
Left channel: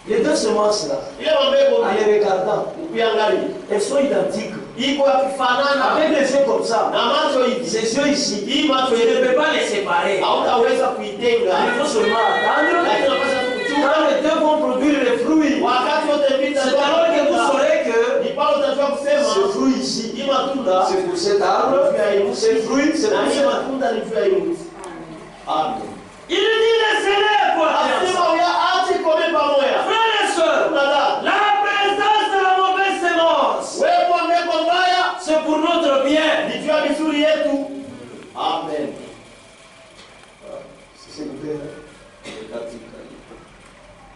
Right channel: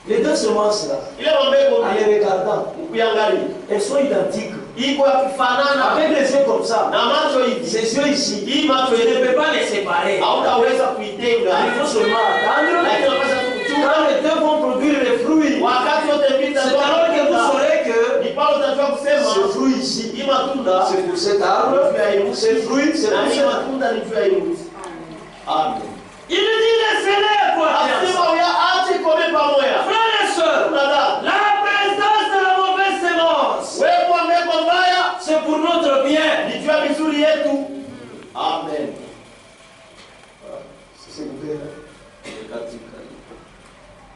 Les deux semences là, Ile mambegu en les regardant, ukiangalia elles sont identiques. iko yakifanana Avec les yeux comme ça, na macho hivi. ces yeux ici, Hii macho tu ne hivi peux pas les séparer. hautaweza kuitenga. Il faut seulement attendre. Lakini unapaswa kuchunga Quand les deux vont produire les fruits, wakati wote mbili c'est alors que vous saurez que ni pale utajua kusema ce fruit ici, hii matunda c'est pour cet arbre, ce fruit, c'est na pour hii cet arbre. matunda ni juu ya hii mti. Amen. Il dit laissez-les croître ensemble. Asema ya acha ikomee pamoja. Frères et sœurs, Kuna dada, la présence de la mauvaise semence, wewe kwa mbegu mbaya c'est pour notre bien. ni juu ya vizuri yetu. Amen.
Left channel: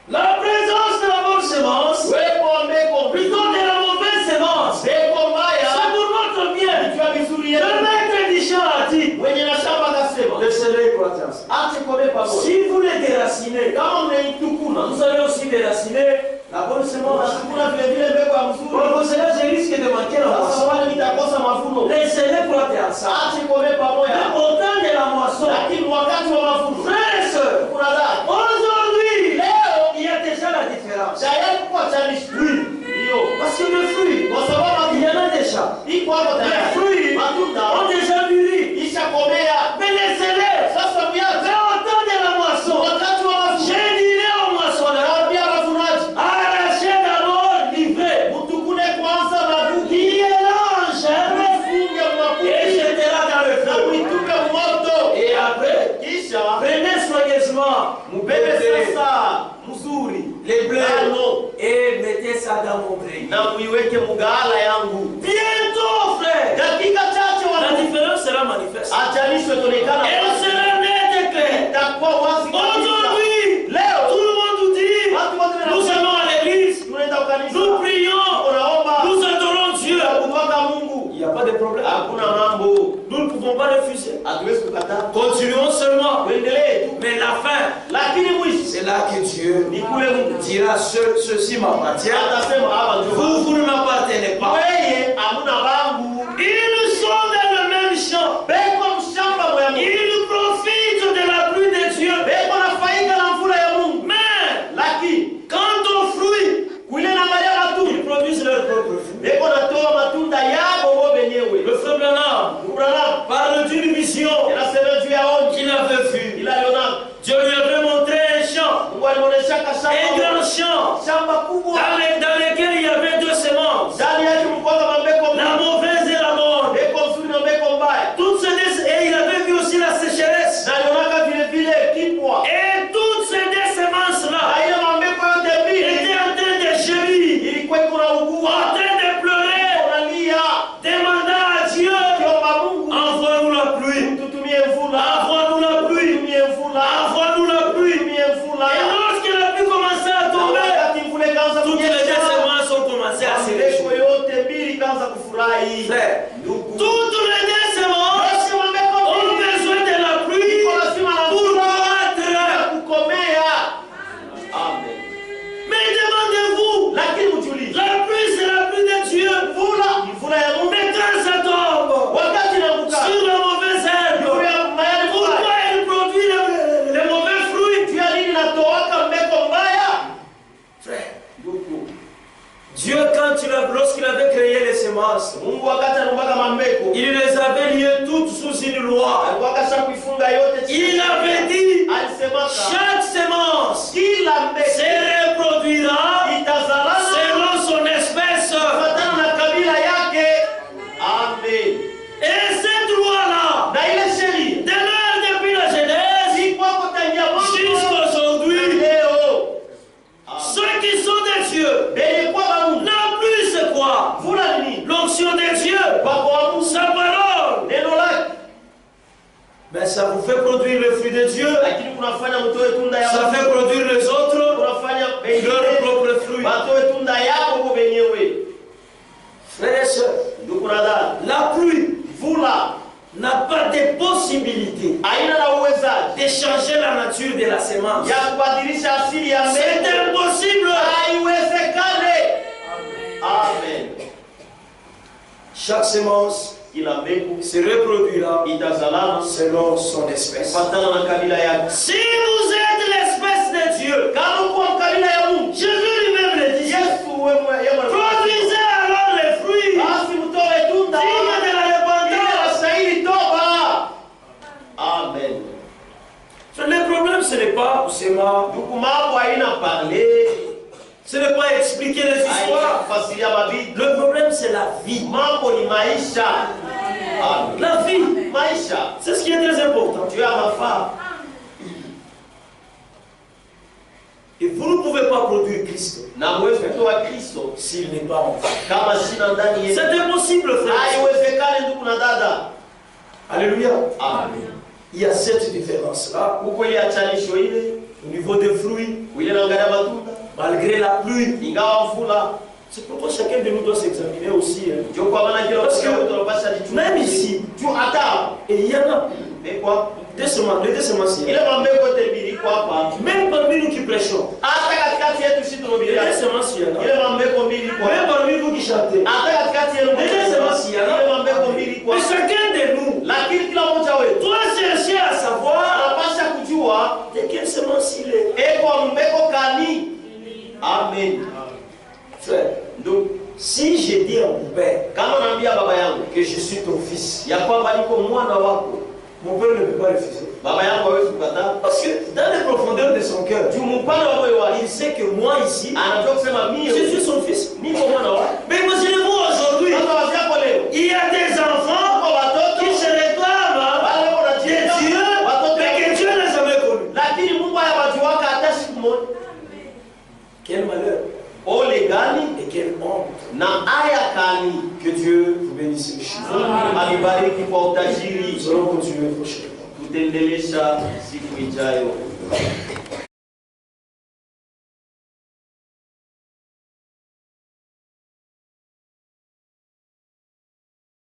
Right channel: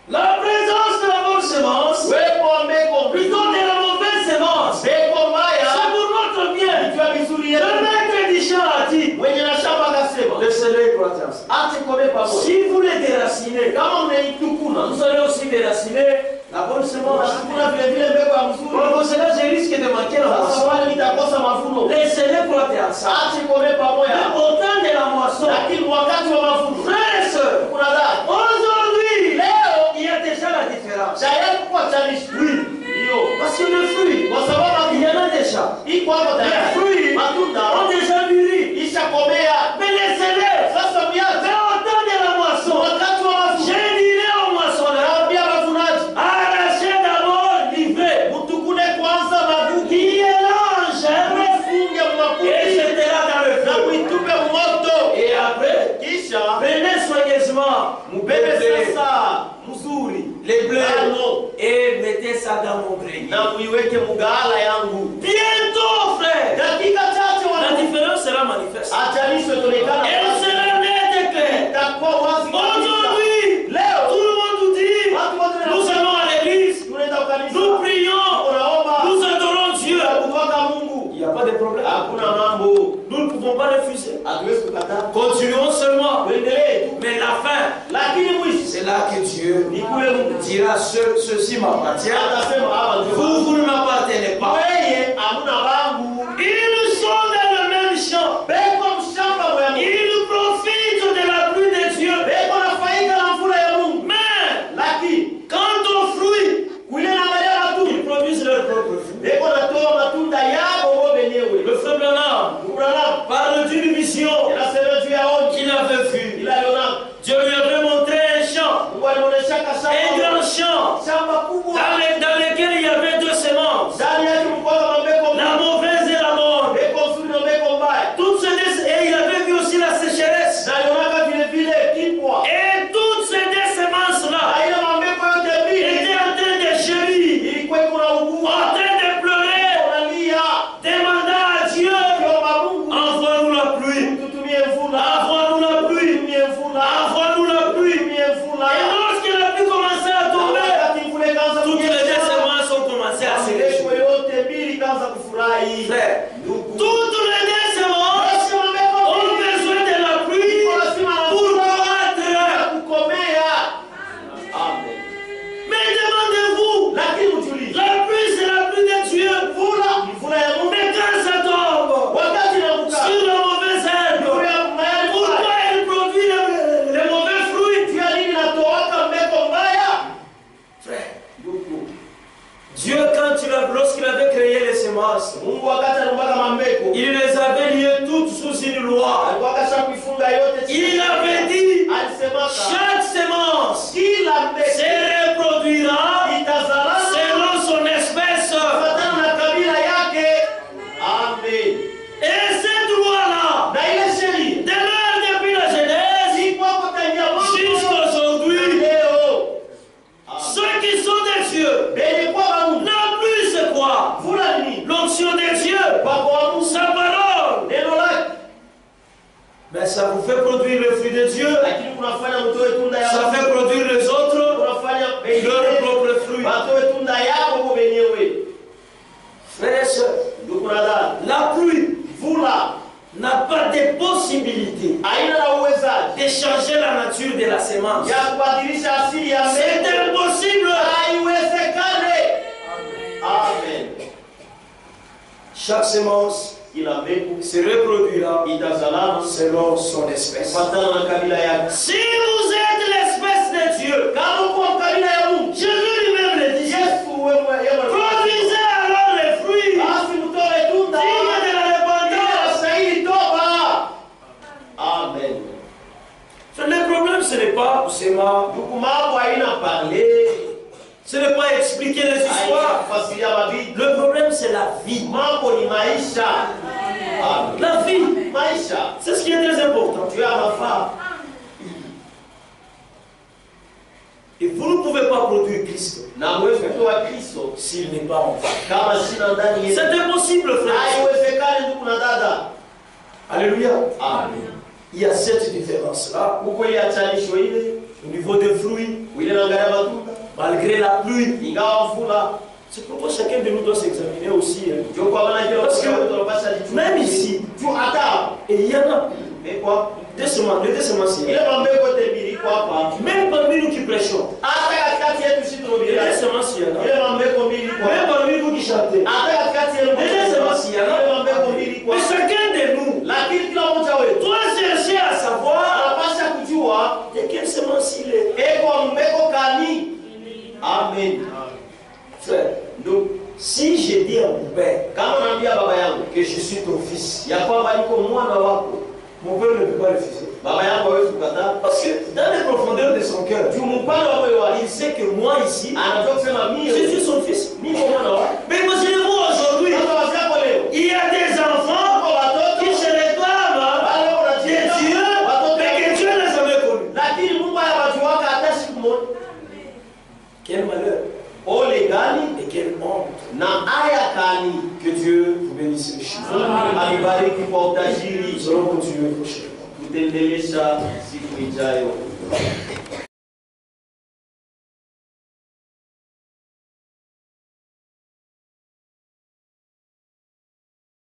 La présence de la bonne semence, Wewe kwa mbegu plutôt de la mauvaise semence, mbegu c'est mbaya pour notre ni bien. juu ya vizuri Le yetu. maître du champ a dit, Mwenye na shamba akasema laissez-les croître ensemble. acha ikomee pamoja. Si vous les déracinez, Kama mnaitukuna vous allez aussi déraciner la bonne semence. unasukuna vile vile mbegu ya mzuri. Pour cela, je risque de manquer la Sasa moisson. wale nitakosa mavuno. Laissez-les croître ensemble. Acha ikomee pamoja. Mais au temps de la moisson, Lakini wakati wa mavuno frères et sœurs, kuna dada aujourd'hui, leo il y a déjà la différence. tayari kuwa chanishi. Oui, Hiyo parce que le fruit, kwa sababu il y en a déjà. iko hapo Les tayari. fruits Matunda ont déjà mûri. ishakomea. Mais laissez-les. Sasa miache Mais au temps de la moisson, wakati wa mavuno. je dirais au moissonneur, Naambia wavunaji arrachez d'abord l'ivraie mtukune kwanza mavuno. qui est l'ange Mfunge et makuti jetez-la dans le na feu. kuitupe moto. Et après, Kisha prenez soigneusement, mubebe mettez-les. sasa mzuri les blés, ngano et mettez ça dans mon grenier. na muiweke mugala yangu. Bientôt, frère, Dakika chache la watu différence sera manifeste. ajanisho tonekana Elle sera nette et claire. itakuwa wazi kabisa. Aujourd'hui, Leo tout le monde nous dit, watu wote nous allons à l'église, tunaenda kanisa, nous prions, tunaomba, nous adorons Dieu. tunamwomba Mungu. Il n'y a pas de problème. Hakuna mambo, Nous ne pouvons pas refuser. hatuwezi kukataa. Continuons seulement. Tuendelee tu. Mais la fin, Lakini mwisho c'est là que Dieu ni kule Mungu dira ceci m'appartient. atasema hapa ndio Vous ne m'appartenez pas. wewe hamuna bangu. Ils sont dans le même champ. Beko mshamba moya Mungu. Ils profitent de la pluie de Dieu. Beko nafaika na mvula ya Mungu. Mais Lakini quant aux fruits, kuile na Maria watu ils produisent leur propre fruit. beko natoa matunda yabo wao wenyewe. Le frère Branham Abraham parle d'une vision anasema juu ya oni qu'il avait vue. ila aliona Dieu lui avait montré un champ, Mungu alimuonesha un shamba grand champ, shamba kubwa dans lequel il y avait deux semences, ndani yake mkoa mambeko la mauvaise et la bonne. beko nzuri na beko mbaya Toutes ces et il avait vu aussi la sécheresse. na alionaka vile vile kipwa Et toutes ces deux semences-là na ile mambeko yote mbili étaient en train de gémir, ilikuwa iko na en ugua train de pleurer, unalia demandant à Dieu, kiomba Mungu envoie-nous la pluie, tutumie mvula envoie-nous la pluie, tutumie mvula envoie-nous la pluie. tutumie mvula Et lorsque la pluie commençait à tomber, wakati mvula ikaanza toutes les deux kunyesha semences ont commencé à se mambeko réjouir. yote mbili ikaanza kufurahi Frère, ndugu toutes les deux semences Basi mambeko ont mbili besoin de la pluie iko lazima na pour mvula croître. kukomea. Amen. Mais demandez-vous, Lakini ujiulize, la pluie c'est la pluie de Dieu. mvula ni mvula ya Mungu. Mais quand ça tombe Wakati inaanguka sur la mauvaise herbe, juu ya mayai pourquoi mbaya, elle produit les mauvais fruits? juu ya nini inatoaka mbeko mbaya? Frère, Ndugu, Dieu lorsqu'il avait créé les semences, Mungu wakati anaumbaga mambeko, il les avait liées toutes sous une loi. alikuwa kasha kuifunga yote chini. Il avait dit, Alisemaka chaque semence kila mbeko se reproduira itazalana selon son espèce. kufuatana na kabila yake. Amen. Et cette loi-là Na ile sheria demeure depuis la Genèse iko hapo tangia mwanzo jusqu'à aujourd'hui. leo. Ceux qui sont des dieux, Benye kwa Mungu, la pluie c'est quoi? mvula ni nini? L'onction de Dieu, Kwa Mungu, sa parole. neno lake. Mais ça vous fait produire le fruit de Dieu, Lakini kunafanya mtoe tunda ya ça Mungu. fait produire les autres Kunafanya leur propre fruit. watoe tunda yako kwa wenyewe. Frères et sœurs, Ndugu na dada, la pluie mvula n'a pas de possibilité haina na uwezaji de changer la nature de la semence. ya kubadilisha asili ya C'est mbegu. impossible. Haiwezekane. Amen. Chaque semence Kila mbegu se reproduira itazalana selon son espèce. kufuatana na kabila yake. Si vous êtes l'espèce de Dieu, Kama uko kabila ya Mungu, Jésus lui-même le dit, Yesu wewe produisez alors les fruits basi mtoe tunda dignes de la repentance. inastahili toba. Amen. Le problème, ce n'est pas kusema, Ndugu, mambo haina parler, ce n'est pas expliquer les haina histoires. kufasiria mabibi. Le problème, c'est la vie. Mambo ni maisha. Amen. La vie, Maisha c'est ce qui est très important. juu ya mafaa. Et vous ne pouvez pas produire Christ Na mwezi kutoa Kristo s'il n'est pas en vous. kama sina ndani yetu. C'est impossible, frère. Haiwezekani ndugu na dada. Alléluia. Amen. Il y a cette différence-là Huko ile achanisho ile, au niveau des fruits, ile naangalia matunda, malgré la pluie. ingawa mvula. C'est pourquoi chacun de nous doit s'examiner aussi. Hein. Ndio kwa maana kila Parce que mtu tunapaswa jichunguze. même ici, Tu hata et il y en a mekwa les deux semenciers. ile mambeko tembili kwa hapa. Même parmi nous qui prêchons, Hata katikati yetu sisi les tunahubiria. deux semenciers, là. Ile mambeko mbili kwa Même hapa. parmi nous qui chantons. Hata katikati yetu Les deux semenciers, ile là. mambeko mbili kwa Mais hapa. chacun de nous Lakini kila mmoja wetu doit chercher à savoir anapaswa kujua de quelle semence il est. eko mbeko kani. Amen. Frère, Ndugu, si je dis à mon père kama naambia baba yangu que je suis ton fils, ya kwamba niko mwana wako, mon père ne peut pas refuser. baba yangu hawezi kukataa. Parce que dans les profondeurs de son cœur, Juu mpana wa moyo wake il sait que moi ici, anajua kusema je mimi suis son fils. niko mwana wake. Mais imaginez-vous aujourd'hui, Sasa wazi yako leo il y a des enfants kwa watoto qui se réclament wale de wanajiita Dieu, watoto mais que Dieu n'a jamais connu. lakini Mungu hayawajuaka hata siku moja. gani et quelle honte. na aya gani. Que Dieu vous bénisse richement. Mungu alibariki kwa utajiri. Nous allons continuer prochainement. Tutaendelesha siku ijayo.